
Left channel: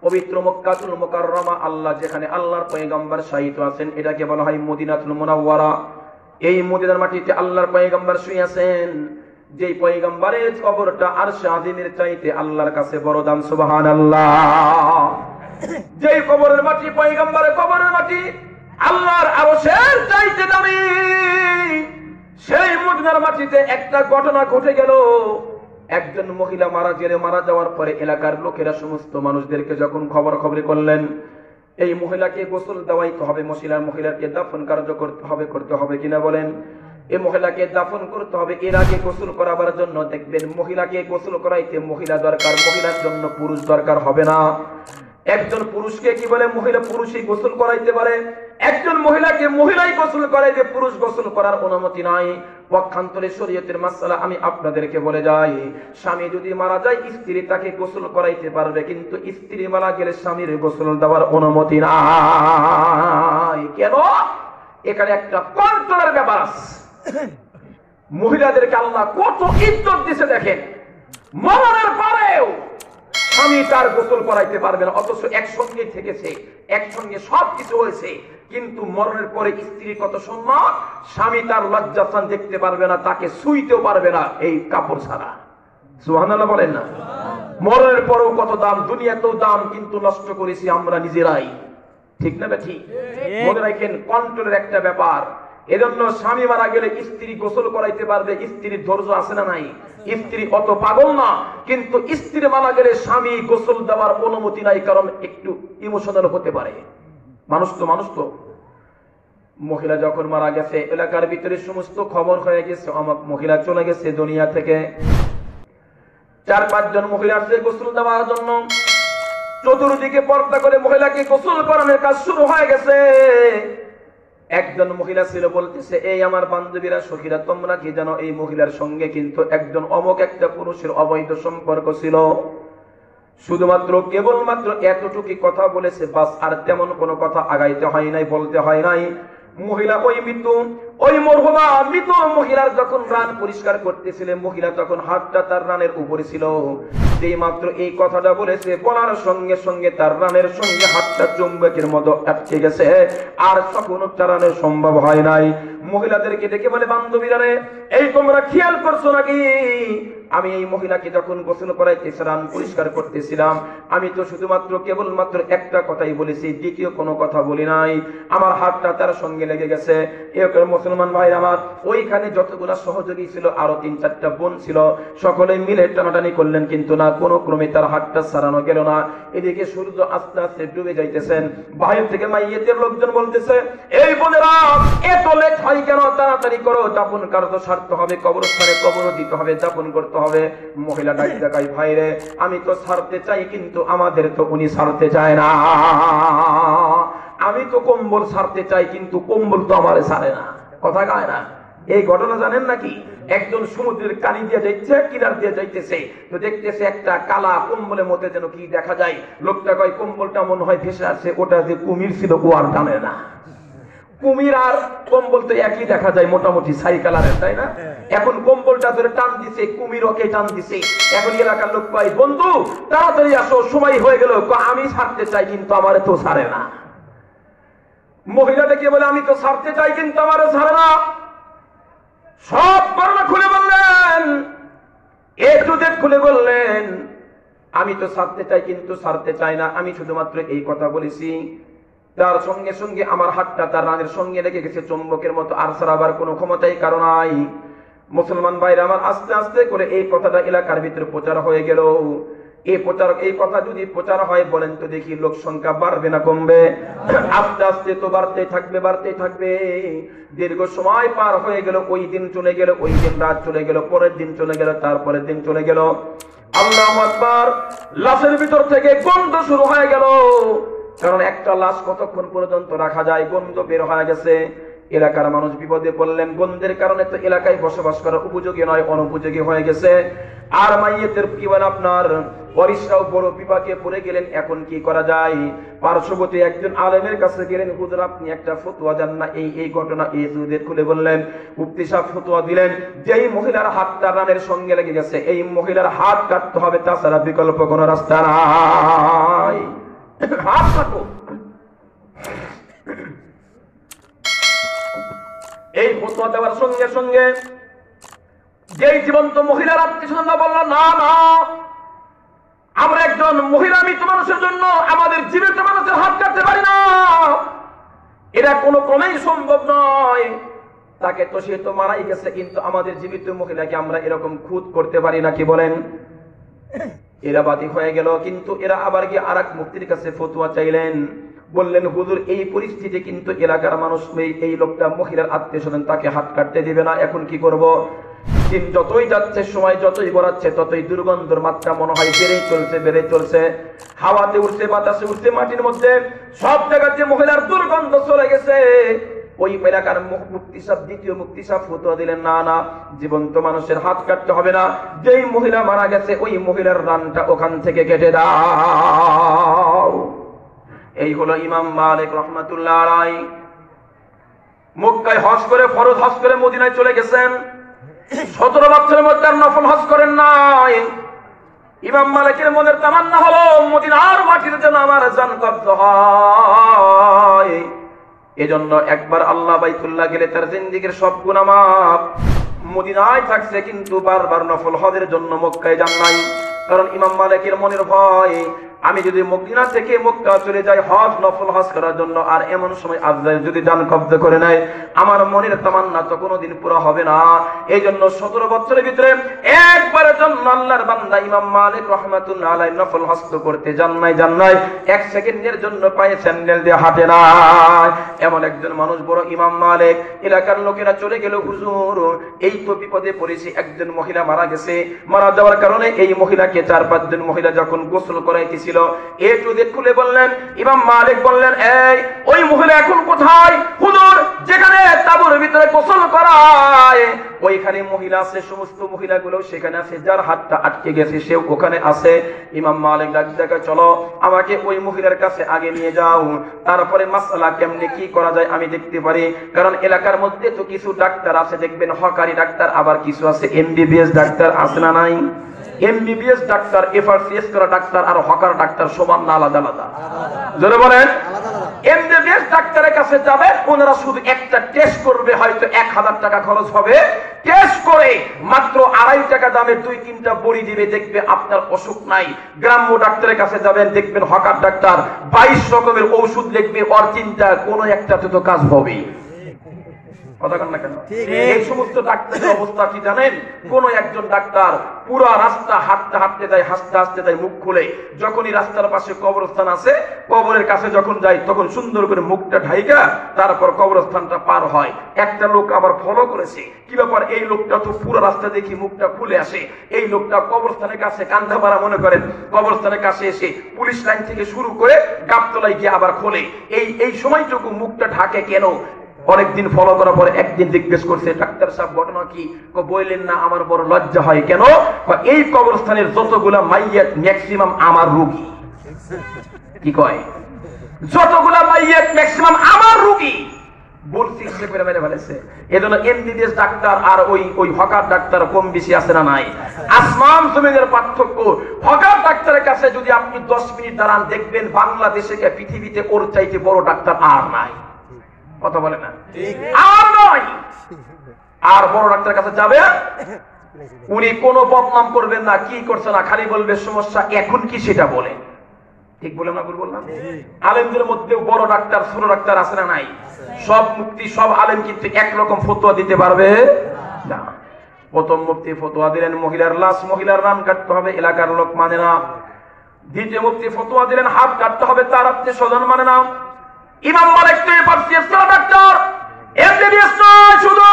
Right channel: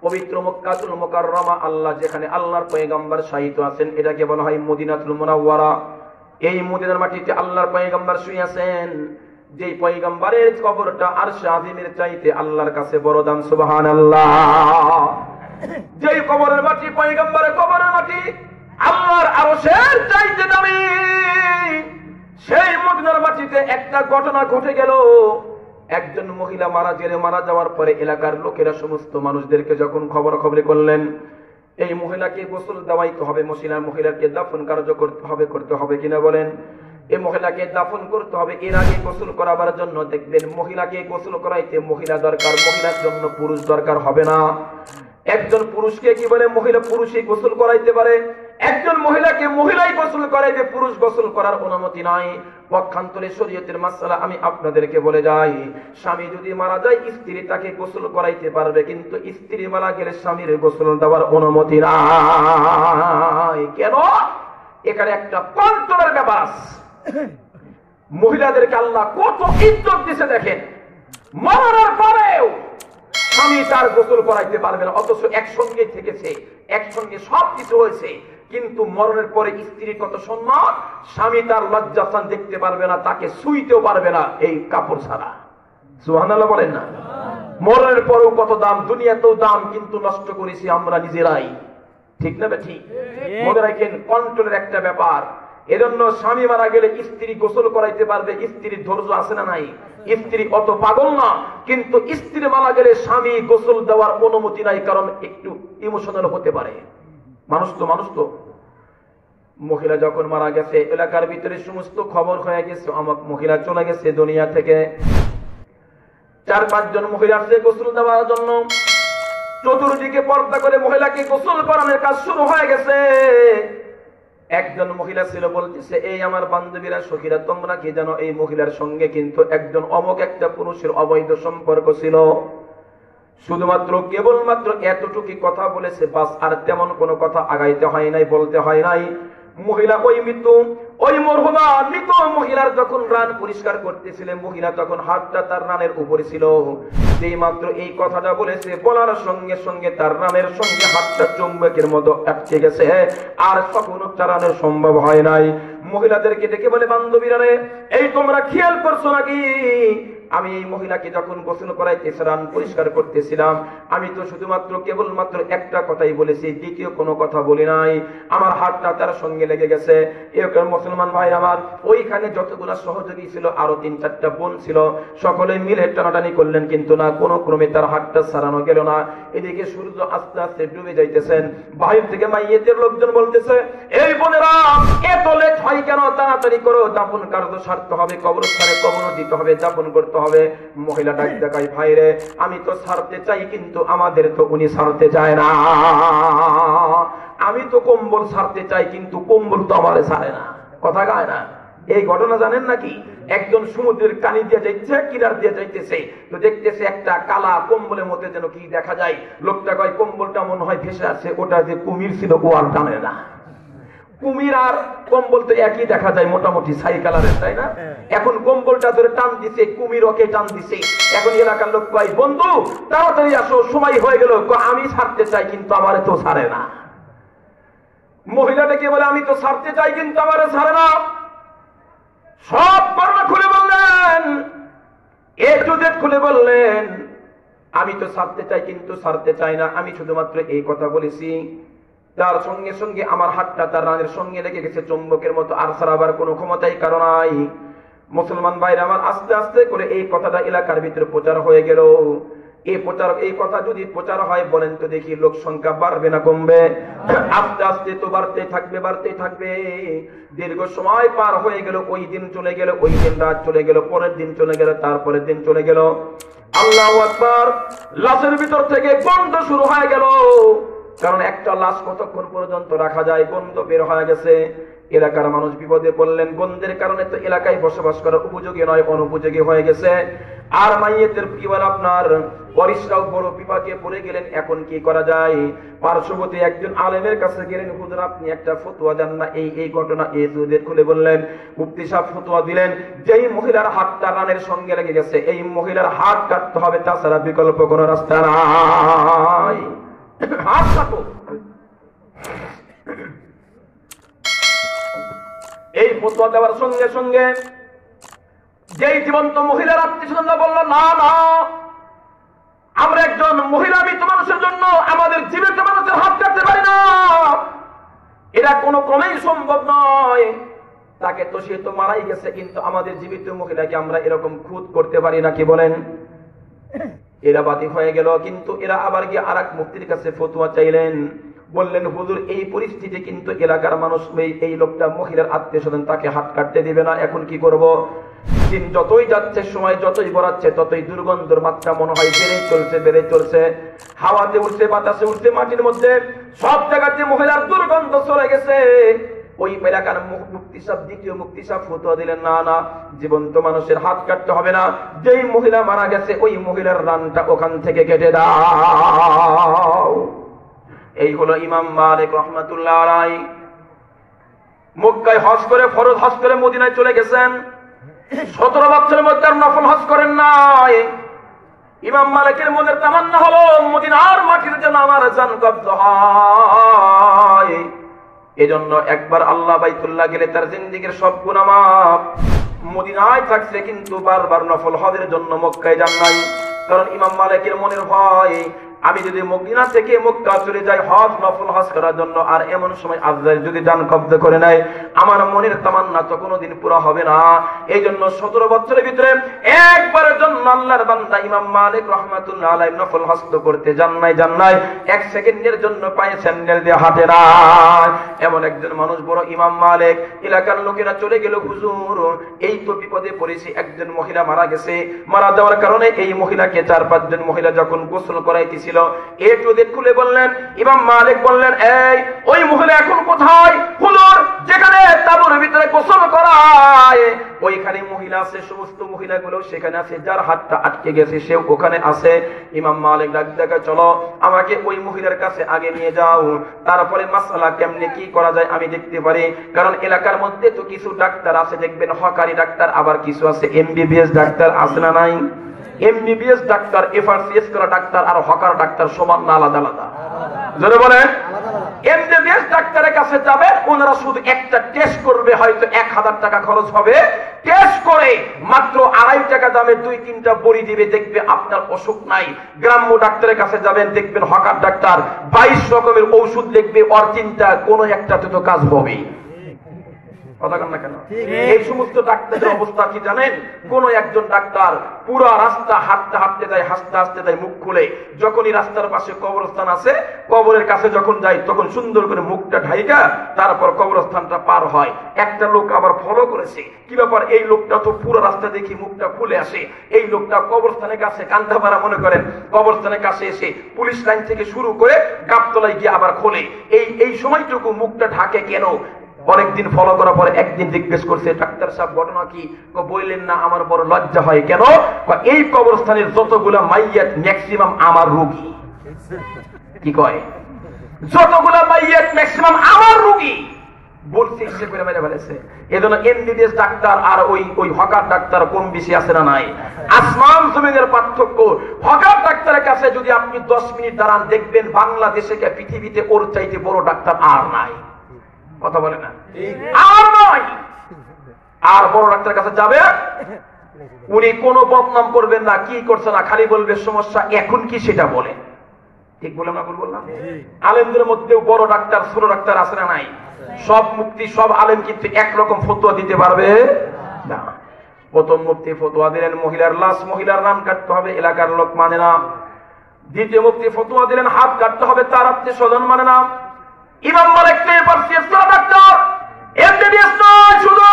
পবিত্র মক্কাতুল মুকাররমা, আল্লাহ যেখানে আল্লাহর পয়গম্বর শায়িত আছেন, এটাকে বলা হয় মদিনাতুল মুনাওয়ারা। এই মদিনার মাটিতে আল্লাহর পয়গম্বর শুয়ে আছেন, যেই পয়গম্বরের কবরটা আরশে আজিমের চাইতে আল্লাহর কাছে বড় দাম। সুবহানাল্লাহ। যেই কবরের মাটি, পয়গম্বরের কবরের মাটি আল্লাহর আরশের চাইতে দামি, সেই মদিনার মাটিতে একটা ঘটনা ঘটে গেল। একজন মহিলা মারা যাওয়ার পরে এলাকার লোকেরা সমস্ত মানুষদেরকে যখন খবরে করলেন, এই মহিলাকে গোসল দেওয়াইতে হবে, মহিলাকে দাফন কার্য করতে হবে কিনা বলেন? এই মহিলাকে দাফন করতে হবে। এর আগে গোসল করাবার জন্য দেখবেন, মহিলাকে গোসল করাইতে মহিলা দরকার, মহিলার জন্য পুরুষ দরকার হবে না। একজন পুরুষকে কি বলে মহিলা পুরুষই গোসল করাইতে পারে, একজন মহিলাকে মহিলাই গোসল করাইবে, পুরুষ গোসল করার অনুমতি নাই। পক্ষান্তরে শরীয়তের মাসআলা আমি আপনাদেরকে বলে যাই, স্বামী যদি মারা যায় স্ত্রী তাকে গোসল করাইতে পারবে, কিন্তু স্ত্রী মারা গেলে স্বামীর গোসল দেওয়ার অনুমতি নাই। কেন? এখানে একটা কন্ট্রোলের ব্যাপার আছে। মহিলাদেরকে আল্লাহ কত ইজ্জত দিছে দেখেন, মরণের পরেও স্বামী তার গোসল করাইতে পারবে না, অথচ একসঙ্গে থেকেছে, একসঙ্গে সবকিছু হয়েছে, কিন্তু মরণের পরে স্ত্রী কত সম্মান, স্বামী তার লজ্জাস্থান দেখতে পারবে না, তাকে ছুঁইতেও পারবে না এই কাপড় ছাড়া। সুবহানাল্লাহ বলেন না? মরণের পরেও কত দাম, দুনিয়াতেও দাম, কিন্তু নষ্ট করেছি আমরা নিজেরাই। ঠিক না ঠিক? মনে রাখেন কন্ট্রোলের একটা ব্যাপার। এজন্য স্বামী মারা গেলে স্ত্রী গোসল করাইতে পারবে, স্ত্রীর ধৈর্য আছে না নাই? স্ত্রী অত পাগল না, কিন্তু স্ত্রী মারা গেলে স্বামী গোসল দেওয়ার অনুমতি নাই, কারণ একটু ইমোশনাল হতে পারে। মানুষ তো মহিলা যখন মারা গেছে, এলাকার ভিতরে সমস্ত খবর হয়ে গেছে, আমার মহিলা চলে গেছে দুনিয়া থেকে। 4-5 জন মহিলা আসছে গোসল দেওয়ার জন্য, চতুর্দিকে পর্দা করে মহিলাকে গোসল করানোর কাজ শুরু হয়ে গেছে। একজন মহিলা ছিল, বলতেছে, এই আমার বান্ধবীরা সখীরা, তোমরা কি জানো এই মহিলার সঙ্গে কিন্তু একজন অমুক একটা পুরুষের অবৈধ সম্পর্ক ছিল। শুধুমাত্র কেবলমাত্র এতটুকু কথা বলেছে, বাস, আর তেমন কোনো কথা আগাইতে হয় নাই, বলতে হয় নাই। মহিলা ওই মৃত্যু, ওই মরহুমা মৃত মহিলার যখন রান পরিষ্কার করতেছিলেন, মহিলা তখন হাতটা তার রানের উপরে ছিল। যেই মাত্র এই কথাটা বলেছে, বলার সঙ্গে সঙ্গে তার রানের সঙ্গে হাতটা চুম্বকের মতো আটকে গেছে, আর তখন তারানো সম্ভব হয় নাই। মহিলাদেরকে ডেকে বলে, বান্ধবীরা রে, এই তোমরা খেয়াল করছো নাকি, আমি এই মহিলাকে যখন গোসল করাইতেছি, রান পরিষ্কার করতেছিলাম, আমি তো শুধুমাত্র কেবলমাত্র একটা কথাই বলেছি, দ্বিতীয় কোনো কথা বলি নাই। আমার হাতটা তার সঙ্গে লেগে গেছে। মুসলমান ভাই আমার, ওইখানে যতগুলো সহযোগী ছিল, আরো 3-4টা বোন ছিল, সকলে মিলে টানাটানি করলেন, কিন্তু না, কোনো ক্রমে তার হাতটা ছাড়ানো গেল না। এদিকে সূর্য আস্তে আস্তে ডুবে যাইতেছেন। বাইরে থেকে মাইয়েতের লোকজন বলতেছে, এই বোনেরা, এত লেট হয় কেন, তাড়াতাড়ি করো, দাফন কার্য সারতে হবে, কবরস্থানে কবর দিতে হবে, দাফন করতে হবে। মহিলা ডাক দেখায়, ভাইরে, আমি তো ছাড়তে চাই, কিন্তু আমাদের তো উনি ছাড়তে চায় না। আমি তো কম্বল ছাড়তে চাই, কিন্তু কম্বল তো আমারে ছাড়ে না। কথা গায় না? এই ঘটনা জানেন নাকি? একজন সমুদ্রের কানি দিয়ে যাইছে, কিনার দিয়ে যাইতেছে, তো দেখতেছে একটা কালা কম্বলের মধ্যে যেন কি দেখা যায়। লোকটা কয়, কম্বলটা মনে হয় ভেসে আছে, ওটা যে কুমির ছিল, ও আর টানে না। কুমির আর কম্বল তো একই দেখা যায়, মোটামুটি ছাই কালারের, তাই না? এখন কম্বলটা ধরে টান দিছে, কুমির ওকে টান দিছে। এখন এলাকার লোক কয়, বন্ধু তাড়াতাড়ি আসো, সময় হয়ে গেল। আমি ছাড়তে চাই, কিন্তু আমারে তো ছাড়ে না। মহিলাটাকে বলে, আমি তো ছাড়তে চাই, কিন্তু আমারে ছাড়ে না। সব বর্ণনা খুলে বললেন, এ টু জেড খুলে বললেন, আমি তো ছাড়তে চাই, কিন্তু ছাড়তে চাই না। আমি শুধুমাত্র এই কথা বলেছি, তার সঙ্গে সঙ্গে আমার হাতটা তার রানের সঙ্গে লেগে গেছে চুম্বকের মতো, আর ছাড়াবার কোনো ক্ষমতাই কারো নাই। মুসলমান ভাইরা আমার, আস্তে আস্তে করে এই কথাটা এলাকার ভিতরে প্রচার হয়ে গেল। এই কথা যদি প্রচার হয়, বলেন তো দেখি, লোক সংখ্যা বাড়বে না কমবে? আস্তে আস্তে তো বাড়তেই থাকবে, বাড়তেই থাকবে। দীর্ঘ সময় পার হয়ে গেল, ওই দিন চলে গেল, ওই দিন রাত চলে গেল, পরের দিন চলে গেল, তারপরের দিন চলে গেল। আল্লাহু আকবার! লাশের ভিতর থেকে গন্ধ শুরু হয়ে গেল। কারণ একটা লাশ কতক্ষণ পর্যন্ত রাখা যায়, গন্ধ বের হয়ে গেছে। এলাকার মানুষ বিপদে পড়লেন, গন্ধের কারণে তো এলাকায় বসবাস করা উপযোগী নয়, অনুপযোগী হয়ে গেছে। আর মাইয়েতের পরিবার আপনার বরিশাও বড় বিপাকে পড়ে গেলেন। এখন কি করা যায়? পার্শ্ববর্তী একজন আলেমের কাছে গেলেন, হুজুর আপনি একটা ফতোয়া দেন না, এই ঘটনা এই যুগে খুলে বললেন। মুফতি সাহেব ফতোয়া দিলেন, যেই মহিলার হাতটা রানের সঙ্গে লেগে গেছে, এই মহিলার হাত কাটতে হবে, তাছাড়া বিকল্প কোনো রাস্তা নাই। হাত কাটো। এই ফতোয়া দেওয়ার সঙ্গে সঙ্গে যেই জীবন্ত মহিলার আত্মীয়স্বজন বলল, না না, আমরা একজন মহিলা মৃত মানুষের জন্য আমাদের জীবিত মানুষের হাত কাটতে পারি না, এটা কোনো ক্রমেই সম্ভব নয়। তাকে তো সে তো মারাই গেছে, কিন্তু আমাদের জীবিত মহিলাকে আমরা এরকম খুদ করতে পারি না, কি বলেন? এরা বাদী হয়ে গেল। কিন্তু এরা আবার গিয়ে আর এক মুফতির কাছে ফতোয়া চাইলেন। বললেন, হুজুর এই পরিস্থিতি কিন্তু এলাকার মানুষ, এই লোকটা মহিলার আত্মীয় স্বজন, তাকে হাত কাটতে দিবে না, এখন কি করব? দিন যতই যাচ্ছে, সময় যতই গড়াচ্ছে, ততই দুর্গন্ধের মাত্রা মনে হয় বেড়ে চলছে। হাওয়াতে উঠছে, বাতাসে উঠছে, মাটির মধ্যে সব জায়গাতে মহিলার দুর্গন্ধ চলে গেছে। ওই এলাকার মুফতি সাহেব, দ্বিতীয় মুফতি সাহেব ফতোয়া দিলেন, না না, জীবন্ত মানুষের হাত কাটতে হবে না, যেই মহিলা মারা গেছে ওই মহিলার রানটা ওখান থেকে কেটে দাও। এই হলো ইমাম মালিক রহমাতুল্লাহ আলাইহি। মক্কায় হজ করে, ফরজ হজ করে মদিনায় চলে গেছেন। 17 বছরের মধ্যে আর নফল হজ করেন নাই। ইমাম মালিকের মনের তামান্না হলো মদিনার মাটিতে যেন আমার জান কবজ হয়। এজন্য একবার আল্লাহ বাইতুল্লাহ গেলে তার জিন্দেগীর সব গুনাহ মাফ। মদিনায় থাকছে কিন্তু বারবার নফল হজের জন্য মক্কায় যান নাই। কারণ ইমাম মালিকের মনের ভয়, আমি যদি মদিনা থেকে মক্কা চলে যাই হজ, নফল হজ করার জন্য, আর এমন সময় আজরাইল যদি জান কবজ করে নেয়, আমার মনের তামান্না তো কোনোদিন পুরা হবে না। এই জন্য 17 বছরের ভিতরে একবারের জন্য আল্লাহর বান্দা ইমাম মালিক রহমাতুল্লাহ আলাইহি নফল হজ করতে যান নাই, এক সেকেন্ডের জন্য পায়ে স্যান্ডেল দিয়ে হাঁটে নাই। এমন একজন মানুষ বড় ইমাম মালিক। এলাকার লোকেরা চলে গেল, হুজুর এই তো বিপদে পড়েছি, একজন মহিলা মারা গেছে। মারা যাওয়ার কারণে এই মহিলাকে 4-5 জন মহিলা যখন গোসল করাইতেছিল, খুলে বললেন, ইমাম মালিক বললেন, এই ওই মহিলা এখন কোথায়? হুজুর যেখানে তাঁবুর ভিতরে গোসল করায় ওইখানে মহিলা আছে, সমস্ত মহিলাগুলো সেখানে আছে, যার হাতটা আটকে গেছে সেও ওখানে আছে। ইমাম মালিক ডাক দেখা, চলো আমাকে ওই মহিলার কাছে আগে নিয়ে যাও, তারপরে মাসআলা কেমনে কি করা যায় আমি দেখতে পারি। কারণ এলাকার মধ্যে তো কিছু ডাক্তার আছে, দেখবেন হকারি ডাক্তার, আবার কিছু আছে এমবিবিএস ডাক্তার, আছে না নাই? এমবিবিএস ডাক্তার, এফআরসিএস করা ডাক্তার আর হকার ডাক্তার সমান না, আলাদা আলাদা? জোরে বলেন। এমবিবিএস ডাক্তারের কাছে যাবে, ওনারা শুধু একটা টেস্ট করবে, হয়তো 1000 টাকা খরচ হবে। টেস্ট করে মাত্র 2.5 টাকা দামে 2-3টা বড়ি দিবে, দেখবে আপনার অসুখ নাই। গ্রাম্য ডাক্তারের কাছে যাবেন, দেখবেন হকার ডাক্তার 22 রকমের ঔষধ লিখবে, ওর চিন্তা কোনো একটাতে তো কাজ হবে। এই সমস্ত ডাক্তারের অবস্থা কি জানেন? কোন একজন ডাক্তার পুরো রাস্তা হাঁটতে হাঁটতে যায়, হাসতে হাসতে যায়, মুখ খুলে, যখনই রাস্তার পাশে কবরস্থান আছে, কবরের কাছে যখন যায় তখন সুন্দর করে মুখটা ঢাইকা তারপর কবরস্থানটা পার হয়। একটা লোক আবার ফলো করেছে, কি ব্যাপার, এই লোকটা তো পুরো রাস্তা দেখি মুখটা খুলে আসে। এই লোকটা কবরস্থানের কাছে কান্দা মারা, মনে করেন কবরস্থানের কাছে এসে পুলিশ লাইন থেকে শুরু করে গাবতলায় গিয়ে আবার খোলে। এই সময়টুকু মুখটা ঢাকে কেন? অনেকদিন ফলো করার পরে একদিন জিজ্ঞেস করছে, ডাক্তার সাহেব ঘটনা কি? বললেন না, আমার বড় লজ্জা হয়। কেন? এই কবরস্থানের যতগুলা মাইয়াত ম্যাক্সিমাম আমার রোগী। কি কয়? যতগুলা মাইয়াত ম্যাক্সিমাম আমার রোগী। বলছি সে করে মেরে ফেলেছে। এজন্য এমবিবিএস ডাক্তার আর ওই হকার ডাক্তার কম বেশি আছে না নাই? আসমান জমিনের পার্থক্য। হকার ডাক্তারের কাছে যদি আপনি 10 মিনিট দাঁড়ান, দেখবেন বাংলাদেশে পৃথিবীতে ওর চাইতে বড় ডাক্তার আর নাই। কথা বলে না? আর নয়। আর বড় ডাক্তারের কাছে যাবে, উনি কোনো বদনাম করবেন না, কি করছে না, খালি বলবে সমস্যা এখন কি সেটা বলে। ঠিক বলে না? ভুল বললাম? আলেমদের মধ্যেও বড় ডাক্তার ছোট ডাক্তার আছে না নাই? সব মুফতি সব আলেম কিন্তু একরকম ফতোয়া দিতে পারবে না। প্রথম মুফতি ফতোয়া দিলেন মহিলার লাশ, মহিলার নাম কাটতে হবে, এলাকার লোক মানে না। দ্বিতীয় মুফতি ফতোয়া দিলেন হাত কাটতে হবে, তার আত্মীয় স্বজন মানে না। ইমাম মালিক এফআরসিএস করা ডাক্তার, এফডিএস নয় শুধু,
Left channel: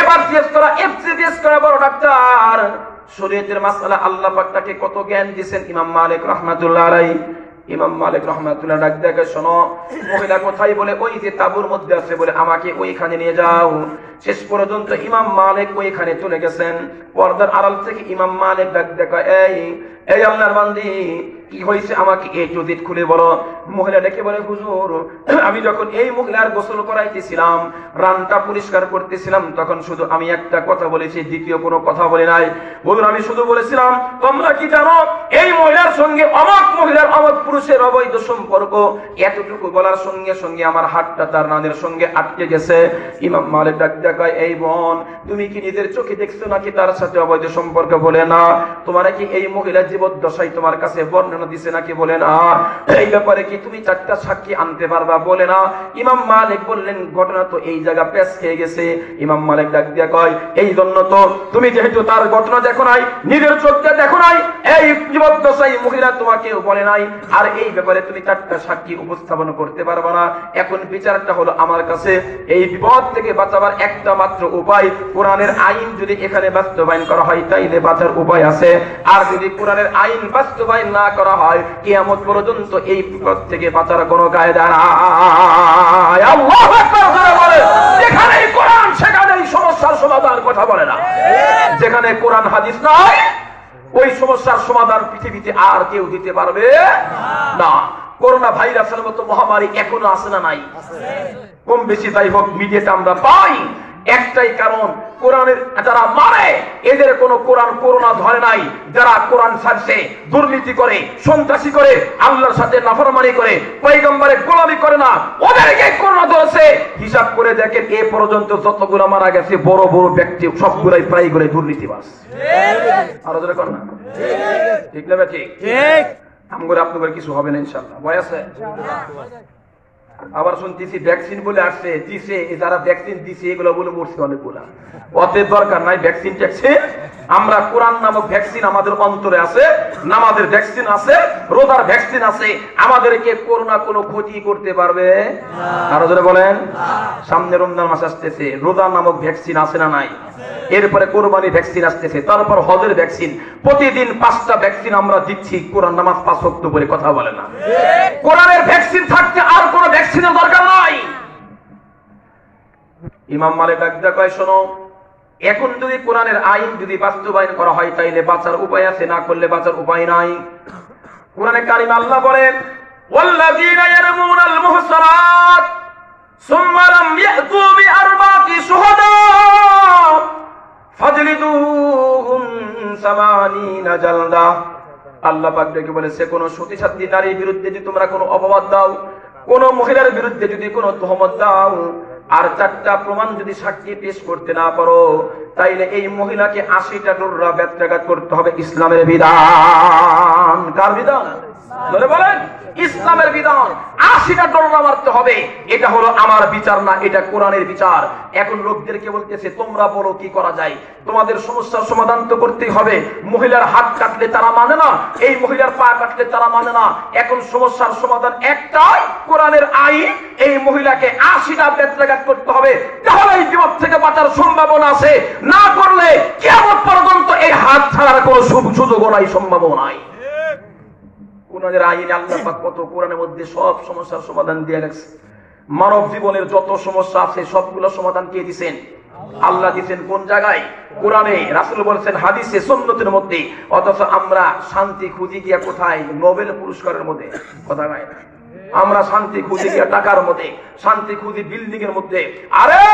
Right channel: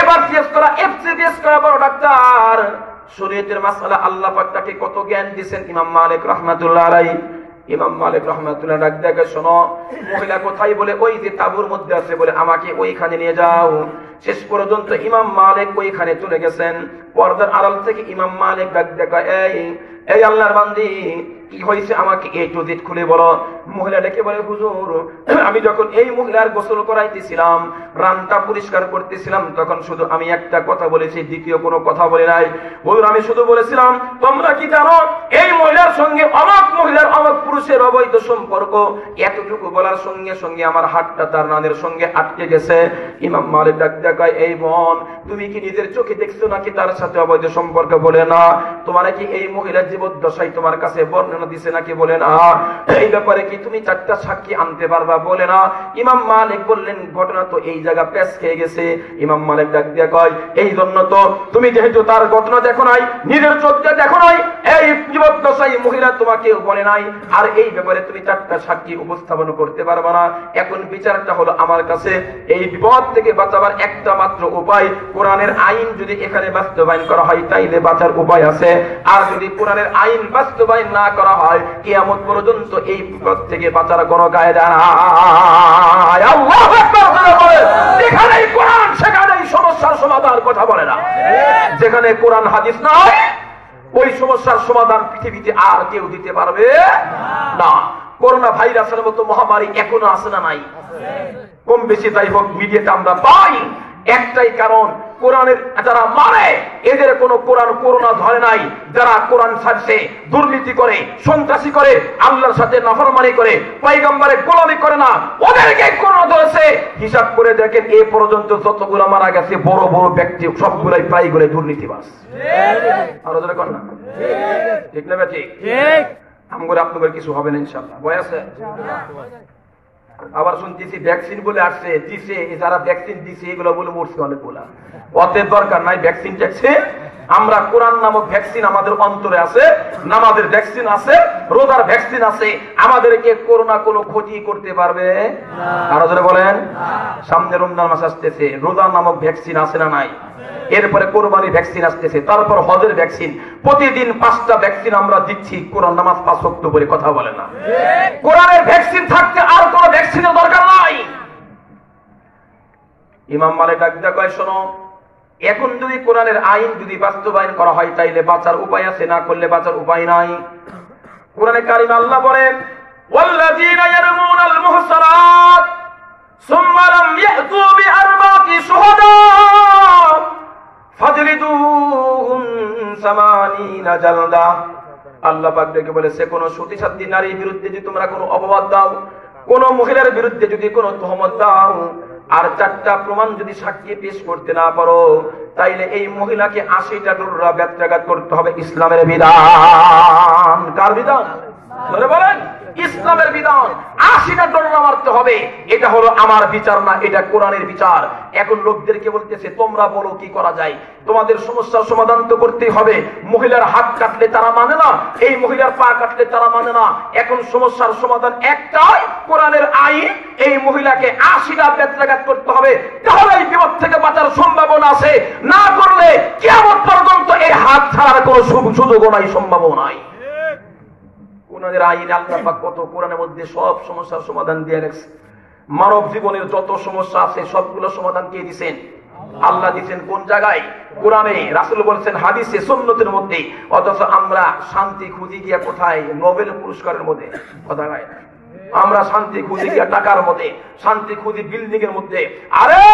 এফআরসিএস করা, এফসিডিএস করা বড় ডাক্তার। শরীয়তের মাসআলা আল্লাহ পাক তাকে কত জ্ঞান দিয়েছেন ইমাম মালিক রাহমাতুল্লাহ আলাইহি। ইমাম মালিক রাহমাতুল্লাহ ডাক দেখে, শোনো মহিলা কোথায়? বলে ওই যে তাঁবুর মধ্যে আছে, বলে আমাকে ওইখানে নিয়ে যাও। শেষ পর্যন্ত ইমাম মালিক ওইখানে চলে গেছেন। পর্দার আড়াল থেকে ইমাম মালিক ডাক দেখা, এই আল্লাহর বান্দি কি হয়েছে আমাকে একটু দিক খুলে বলো। মহিলা ডেকে বলে, হুজুর আমি যখন এই মহিলার গোসল করাইতেছিলাম, রানটা পরিষ্কার করতেছিলাম, তখন শুধু আমি একটা কথা বলেছি, দ্বিতীয় কোনো কথা বলে নাই। হুজুর আমি শুধু বলেছিলাম, তোমরা কি জানো এই মহিলার সঙ্গে অমুক মহিলার অমুক পুরুষের অবৈধ সম্পর্ক। এতটুকু বলার সঙ্গে সঙ্গে আমার হাতটা তার রানের সঙ্গে আটকে গেছে। ইমাম মালিক ডাক দেখায়, এই বোন তুমি কি নিজের চোখে দেখছো নাকি তার সাথে অবৈধ সম্পর্ক? বলে না। তোমার কি এই মহিলা জীবদ্দশায় তোমার কাছে বর্ণনা দিছে নাকি? বলে না। এই ব্যাপারে কি তুমি 4টা সাক্ষী আনতে পারবা? বলে না। ইমাম মালিক বললেন, ঘটনা তো এই জায়গা পেশ খেয়ে গেছে। ইমাম মালিক ডাক দিয়ে কয়, এই জন্য তো তুমি যেহেতু তার ঘটনা দেখো নাই, নিজের চোখে দেখো নাই, এই জীবদ্দশায় মহিলা তোমাকে বলে নাই, আর এই ব্যাপারে তুমি 4টা সাক্ষী উপস্থাপন করতে পারবে না। এখন বিচারটা হলো আমার কাছে, এই বিপদ থেকে বাঁচাবার একটা মাত্র উপায়, কোরআনের আইন যদি এখানে বাস্তবায়ন করা হয় তাইলে বাঁচার উপায় আছে। আর যদি কোরআনের আইন বাস্তবায়ন না করা হয় কিয়ামত পর্যন্ত এই বিপদ থেকে বাঁচার কোনো কায়দা নাই। আল্লাহু আকবার। যেখানেই কোরআন সেখানেই সমস্যার সমাধান, কথা বলে না। যেখানে কোরআন হাদিস নাই ওই সমস্যার সমাধান পৃথিবীতে আর কেউ দিতে পারবে না। করোনা ভাইরাসের মতো মহামারী এখনো আছে না নাই? কম বেশি যাই হোক মিডিয়াতে আমরা পাই। একটাই কারণ, কোরআনের যারা মারে এদের কোনো কোরআন করোনা ধরে নাই। যারা কোরআন ছাড়ছে, দুর্নীতি করে, সন্ত্রাসী করে, আল্লাহর সাথে নাফরমানি করে, পয়গম্বরের গোলামি করে না, ওদেরকে করোনা ধরেছে। হিসাব করে দেখেন এ পর্যন্ত যতগুলো মারা গেছে বড় বড় ব্যক্তি সবগুলাই প্রায় করে দুর্নীতিবাজ। আরো যারা কোন ঠিক না? ঠিক আমগর আপনাদের কিছু হবে না ইনশাআল্লাহ। ভয় আছে? আবার শুনতেছি ভ্যাকসিন বলে আসছে, দিছে, যারা ভ্যাকসিন দিছে এগুলো বলে মরছে অনেকগুলা। অতএব দরকার নাই ভ্যাকসিন ট্যাকসিন। আমরা কোরআন নামক ভ্যাকসিন আমাদের অন্তরে আছে, নামাজের ভ্যাকসিন আছে, রোজার ভ্যাকসিন আছে। আমাদেরকে করোনা কোনো ক্ষতি করতে পারবে না। আরো যারা বলেন, সামনে রমজান মাস আসতেছে, রোজা নামক ভ্যাকসিন আছে না নাই? এরপরে কোরবানি ভ্যাকসিন আসতেছে, তারপর হজের ভ্যাকসিন। প্রতিদিন 5টা ভ্যাকসিন আমরা দিচ্ছি। কোরআন নামাজ 5 ওয়াক্ত করে, কথা বলে না। কোরআনের ভ্যাকসিন থাকতে আর কোনো ভ্যাকসিনের দরকার নাই। ইমাম মালিক ডাকতে কয়, শোনো, এখন যদি কোরআনের আইন যদি বাস্তবায়ন করা হয় তাইলে বাঁচার উপায় আছে, না করলে বাঁচার উপায় নাই। কোরআনে কারিমে আল্লাহ বলেন, ওয়াল্লাযীনা ইয়ারমুনাল মুহসানাত সুম্মা লাম ইয়াতু বিআরবাতি শুহাদা ফাজলিদুহুম 80 জালদা। আল্লাহ পাক দেখে বলেছে, কোন সতীসাধ্বী নারীর বিরুদ্ধে যদি তোমরা কোনো অপবাদ দাও, কোন মহিলার বিরুদ্ধে যদি কোনো তহমত দাও, আর 4টা প্রমাণ যদি সাক্ষী পেশ করতে না পারো, তাইলে এই মহিলাকে 80টা ডোরা বেত্রাঘাত করতে হবে। ইসলামের বিধান। কার বিধান? ধরে বলেন, ইসলামের বিধান। 80টা ডোরা মারতে হবে। এটা হলো আমার বিচার না, এটা কোরআনের বিচার। এখন লোকদেরকে বলতেছে, তোমরা বলো কি করা যায়, তোমাদের সমস্যার সমাধান তো করতেই হবে। মহিলার হাত কাটলে তারা মানে না, এই মহিলার পা কাটলে তারা মানে না। এখন সমস্যার সমাধান একটাই, কোরআনের আইন। এই মহিলাকে 80টা বেত্রাঘাত করতে হবে, তাহলে এই বিপদ থেকে বাঁচার সম্ভাবনা আছে। না করলে কিয়ামত পর্যন্ত এই হাত ছাড়ার কোনো সুযোগও নাই, সম্ভাবনা নাই। কোরআনের আইন আল্লাহ পাক কত কোরআনের মধ্যে সব সমস্যার সমাধান দিয়ে রাখছে। মানব জীবনের যত সমস্যা আছে সবগুলো সমাধান কে দিবেন? আল্লাহ দিবেন। কোন জায়গায়? কোরআনে। রাসূল বলেছেন হাদিসে, সুন্নতের মধ্যে। অথচ আমরা শান্তি খুঁজি গিয়া কোথায়? নোবেল পুরস্কারের মধ্যে, কথা নাই না। আমরা শান্তি খুঁজি গিয়া টাকার মধ্যে, শান্তি খুঁজি বিল্ডিং এর মধ্যে। আরে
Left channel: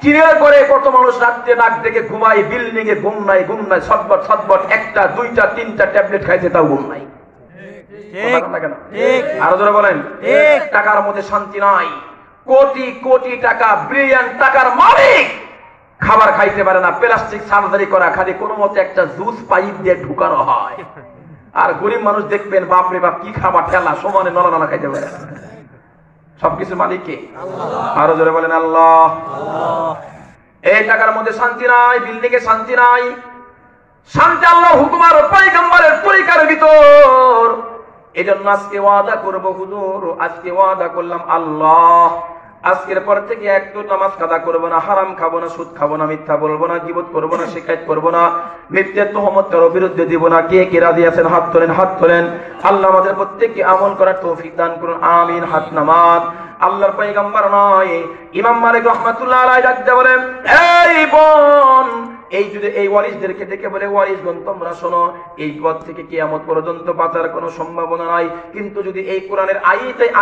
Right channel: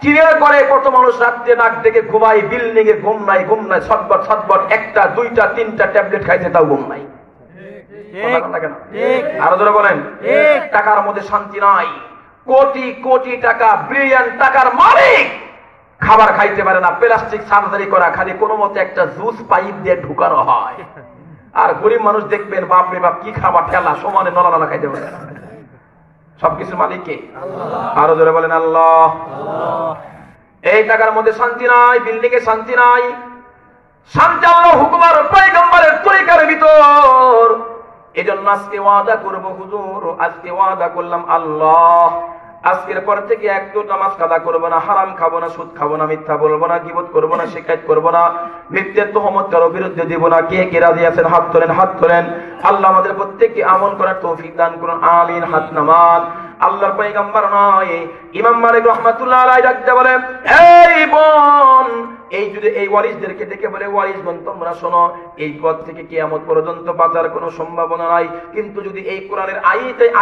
চিড়ে করে কত মানুষ রাত্রে নাক ডেকে ঘুমায়, বিল্ডিং এ ঘুম নাই, ঘুম নাই, ছটবট ছটবট, 1টা 2টা 3টা ট্যাবলেট খাইতে তাও ঘুম নাই। আরো ধরে বলেন, টাকার মধ্যে শান্তি নাই। কোটি কোটি টাকা, বিলিয়ন টাকার মালিক খাবার খাইতে পারে না, প্লাস্টিক সার্জারি করা, খালি কোনো মতে একটা জুস পাইপ দিয়ে ঢুকানো হয়। আর গরিব মানুষ দেখবেন, বাপরে বাপ কি খাবার, ঠেলা সমানে নড়ানা খাইতে পারে না। সবকিছু মালিককে। আরো ধরে বলেন আল্লাহ। এই টাকার মধ্যে শান্তি নাই, বিল্ডিং এ শান্তি নাই। শান্তি আল্লাহ হুকুমার পয়গম্বরের তরিকার ভিতর। এজন্য আজকে ওয়াদা করব, হুজুর আজকে ওয়াদা করলাম, আল্লাহ আজকের পর থেকে একটু নামাজ কাদা করবো না, হারাম খাবো না, সুদ খাবো না, মিথ্যা বলবো না, গীবত করবো না, শিকায়ত করবো না, মিথ্যের তোহমত কারো বিরুদ্ধে দিব না। কে কে রাজি আছেন হাত তোলেন, হাত তোলেন। আল্লাহ আমাদের প্রত্যেককে আমল করার তৌফিক দান করুন, আমিন। হাত নামান। আল্লাহর পয়গম্বর নয়, ইমাম মালিক রাহমাতুল্লাহ আলাইহি ডাকতে বলেন, এই বোন, এই যদি এই ওয়ারিসদেরকে ডেকে বলে, ওয়ারিসগণ তোমরা শোনো, এই পথ থেকে কিয়ামত পর্যন্ত বাঁচার কোনো সম্ভাবনা নাই। কিন্তু যদি এই কোরআনের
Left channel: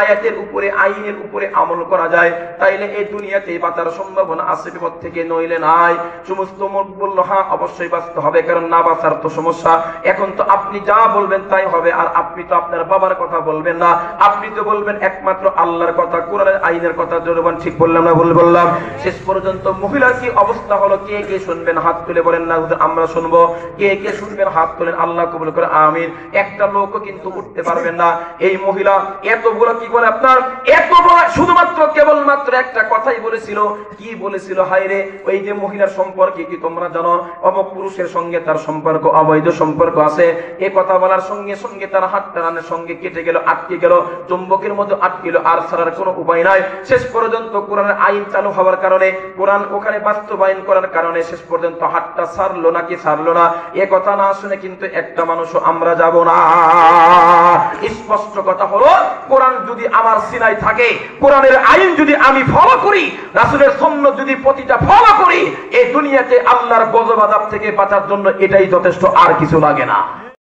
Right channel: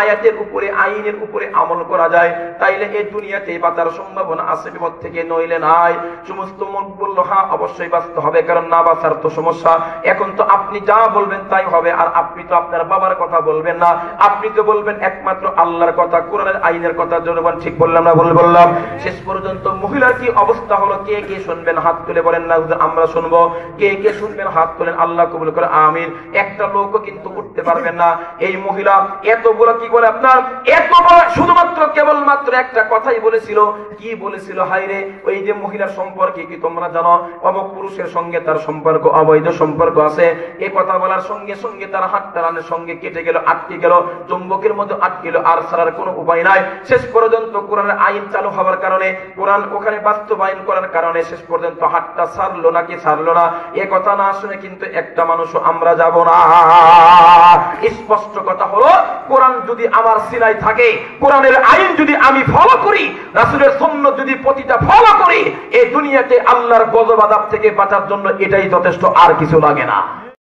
আয়াতের উপরে, আইনের উপরে আমল করা যায়, তাইলে এই দুনিয়াতে বাঁচার সম্ভাবনা আছে, বিপদ থেকে নইলে নাই। সমস্ত মুখ বলল, হ্যাঁ অবশ্যই বাঁচতে হবে, কারণ না বাঁচার তো সমস্যা। এখন তো আপনি যা বলবেন তাই হবে, আর আপনি তো আপনার বাবার কথা বলবেন না, আপনি তো বলবেন একমাত্র আল্লাহর কথা, কোরআনের আইনের কথা। জনগণ ঠিক বললাম না ভুল বললাম? শেষ পর্যন্ত মহিলার কি অবস্থা হলো, কে কে শুনবেন? হাত হাত তুলে বলেন না আমরা শুনবো। কে কে শুনবেন হাত তুলেন, আল্লাহ কবুল করে আমিন। একটা লোকও কিন্তু উঠতে পারবেন না। এই মহিলা এতগুলো কি করে আপনার এতগুলো শুধুমাত্র কেবলমাত্র একটা কথাই বলেছিল। কি বলেছিল? হায়রে ওই যে মহিলার সম্পর্কে কি তোমরা জানো? অমুক পুরুষের সঙ্গে তার সম্পর্ক, অবৈধ সম্পর্ক আছে। এই কথা বলার সঙ্গে সঙ্গে তার হাত টানানোর সঙ্গে কেটে গেল, আটকে গেল, চুম্বকের মতো আটকে গেল, আর ছাড়ার কোনো উপায় নাই। শেষ পর্যন্ত কোরআনের আইন চালু হওয়ার কারণে, কোরআন ওখানে বাস্তবায়ন করার কারণে শেষ পর্যন্ত হাতটা ছাড়লো নাকি ছাড়লো না, এ কথা না শুনে কিন্তু একটা মানুষও আমরা যাব না। স্পষ্ট কথা হলো, কোরআন যদি আমার সিনায় থাকে, কোরআনের আইন যদি আমি ফলো করি, রাসূলের সুন্নাত যদি প্রতিটা ফলো করি, এই দুনিয়াতে আল্লাহর গজব আযাব থেকে বাঁচার জন্য এটাই যথেষ্ট, আর কিছু লাগে না।